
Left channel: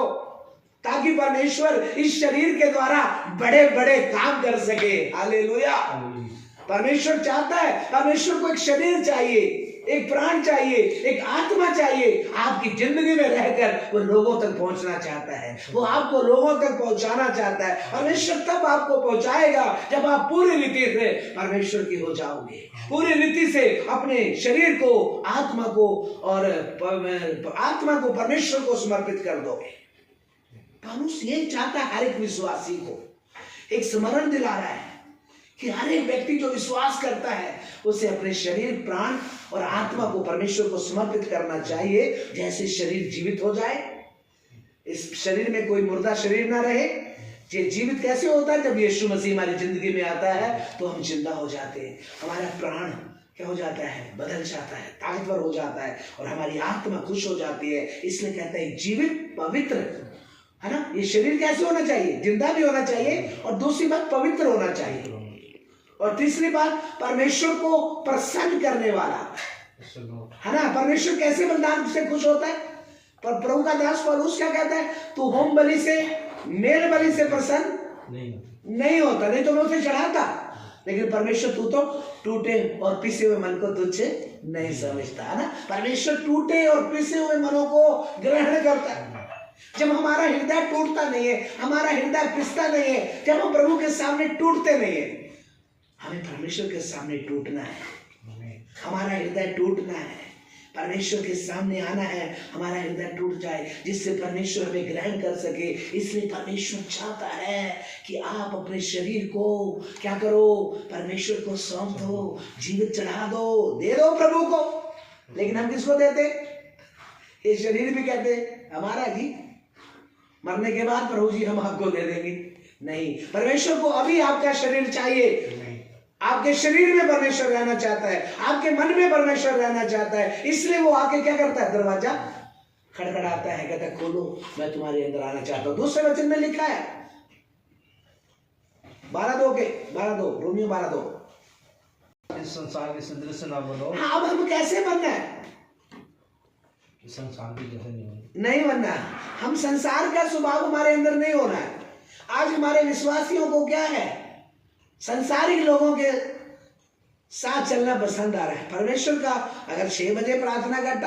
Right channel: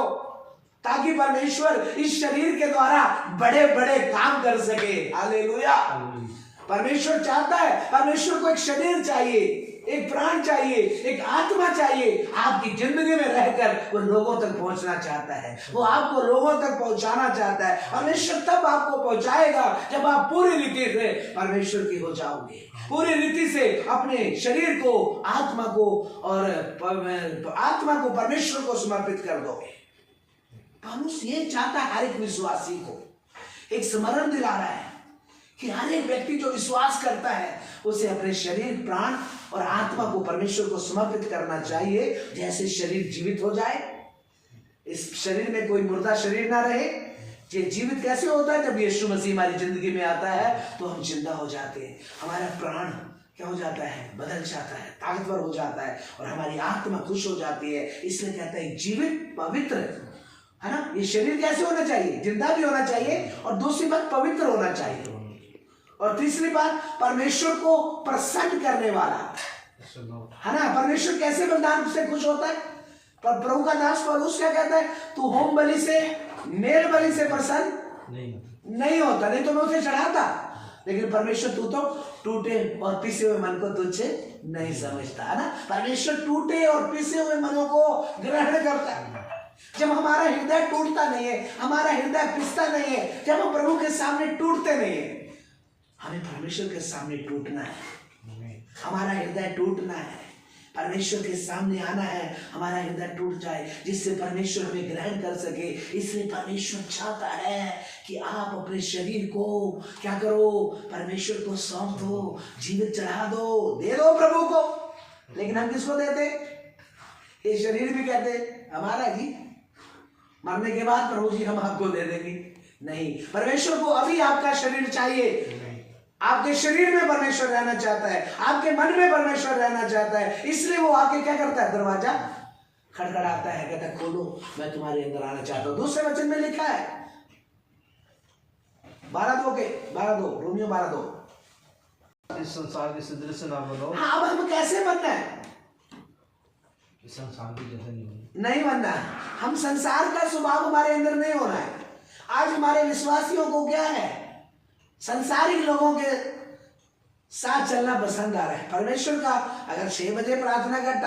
ताकि परमेश्वर इस शरीर के द्वारा बड़े बड़े काम कर सके। हालेलुया। परमेश्वर चाहता है, परमेश्वर को एक शरीर चाहिए, एक प्राण चाहिए, एक आत्मा चाहिए। आपकी जिंदगी में रहकर वो लोगों तक पहुंचना चाहता है, वो आपको लोगों तक पहुंचाना चाहता है। परमेश्वर तब आपको पहुंचाएगा जब आप पूरी रीति से परमेश्वर की हो जाओगे, पूरी रीति से अपने शरीर को, आत्मा को और आत्मा को परमेश्वर को समर्पित कर दोगे। पौलुस ये चाहता है, हर एक विश्वासी को एक स्मरण दिला रहा है कि हर एक व्यक्ति जो विश्वास करता है उसे अपने शरीर, प्राण और आत्मा को परमेश्वर को समर्पित करना चाहिए, जैसे शरीर जीवित हो जाए। इस शरीर में कोई मुर्दा शरीर ना रहे। ये जीवित कैसे होता है? जब यीशु मसीह हमारी जिंदगी में आता है तो हम जिंदा हो जाते हैं, हमारा प्राण क्या हो जाता है? बदल जाता है, ताकतवर हो जाता है, और हमारी आत्मा खुश हो जाती है। इसलिए कहता है जीवित, पवित्र, है ना। ये शरीर कैसे होना चाहिए? जिंदा भी होना चाहिए, और दूसरी बात पवित्र होना चाहिए, और तीसरी बात परमेश्वर को प्रसन्न करने वाला, है ना। परमेश्वर कैसे बलिदान से खुश होता है? पर प्रभु का दास पौलुस क्या कहता है? तू होम बलि से, मेल बलि से प्रसन्न नहीं होता, नहीं तो मैं उसे चढ़ाता, लेकिन परमेश्वर तू तो टूटे और पिसे हुए मन को तुझे नहीं समझता, है ना। परमेश्वर टूटे और पिसे हुए मनों को ग्रहण करता है। जब हमारा हृदय टूटता नहीं है, हमारा हृदय पिसता नहीं है, जब हम प्रभु के सामने टूटते नहीं है, हमें परमेश्वर के सामने टूटना है, हमारा हृदय टूटना है, परमेश्वर के सामने आना है, हमारा हृदय टूट जाए, जिससे परमेश्वर हमें ग्रहण कर सके। इसलिए परमेश्वर चाहता है कि आप अपने शरीर को क्या करो? परमेश्वर को सौंप दो, जीवित चढ़ा दो, दे दो प्रभु को। लेकिन हम किसको देते? ये शरीर भी कहते हमारा जी, मरने के बाद प्रभु जी हम आपको दे देंगे। नहीं, परमेश्वर को अभी आपका शरीर चाहिए। आपके शरीर में परमेश्वर रहना चाहता है, आपके मन में परमेश्वर रहना चाहता है। इसलिए वो आके क्या करता है? दरवाजा खड़खड़ाता है, कहता है खोलो, मैं तुम्हारे अंदर आना चाहता हूं। दूसरे वचन में लिखा है 12:2 रोमियो 12:2, इस संसार के सदृश ना बनो। हाँ, अब हम कैसे बनना है? संसार के जैसे नहीं बनना है। हम संसार का स्वभाव हमारे अंदर नहीं होना है। आज हमारे विश्वासियों को क्या है? संसारिक लोगों के साथ चलना पसंद आ रहा है। परमेश्वर का अगर 6 बजे प्रार्थना का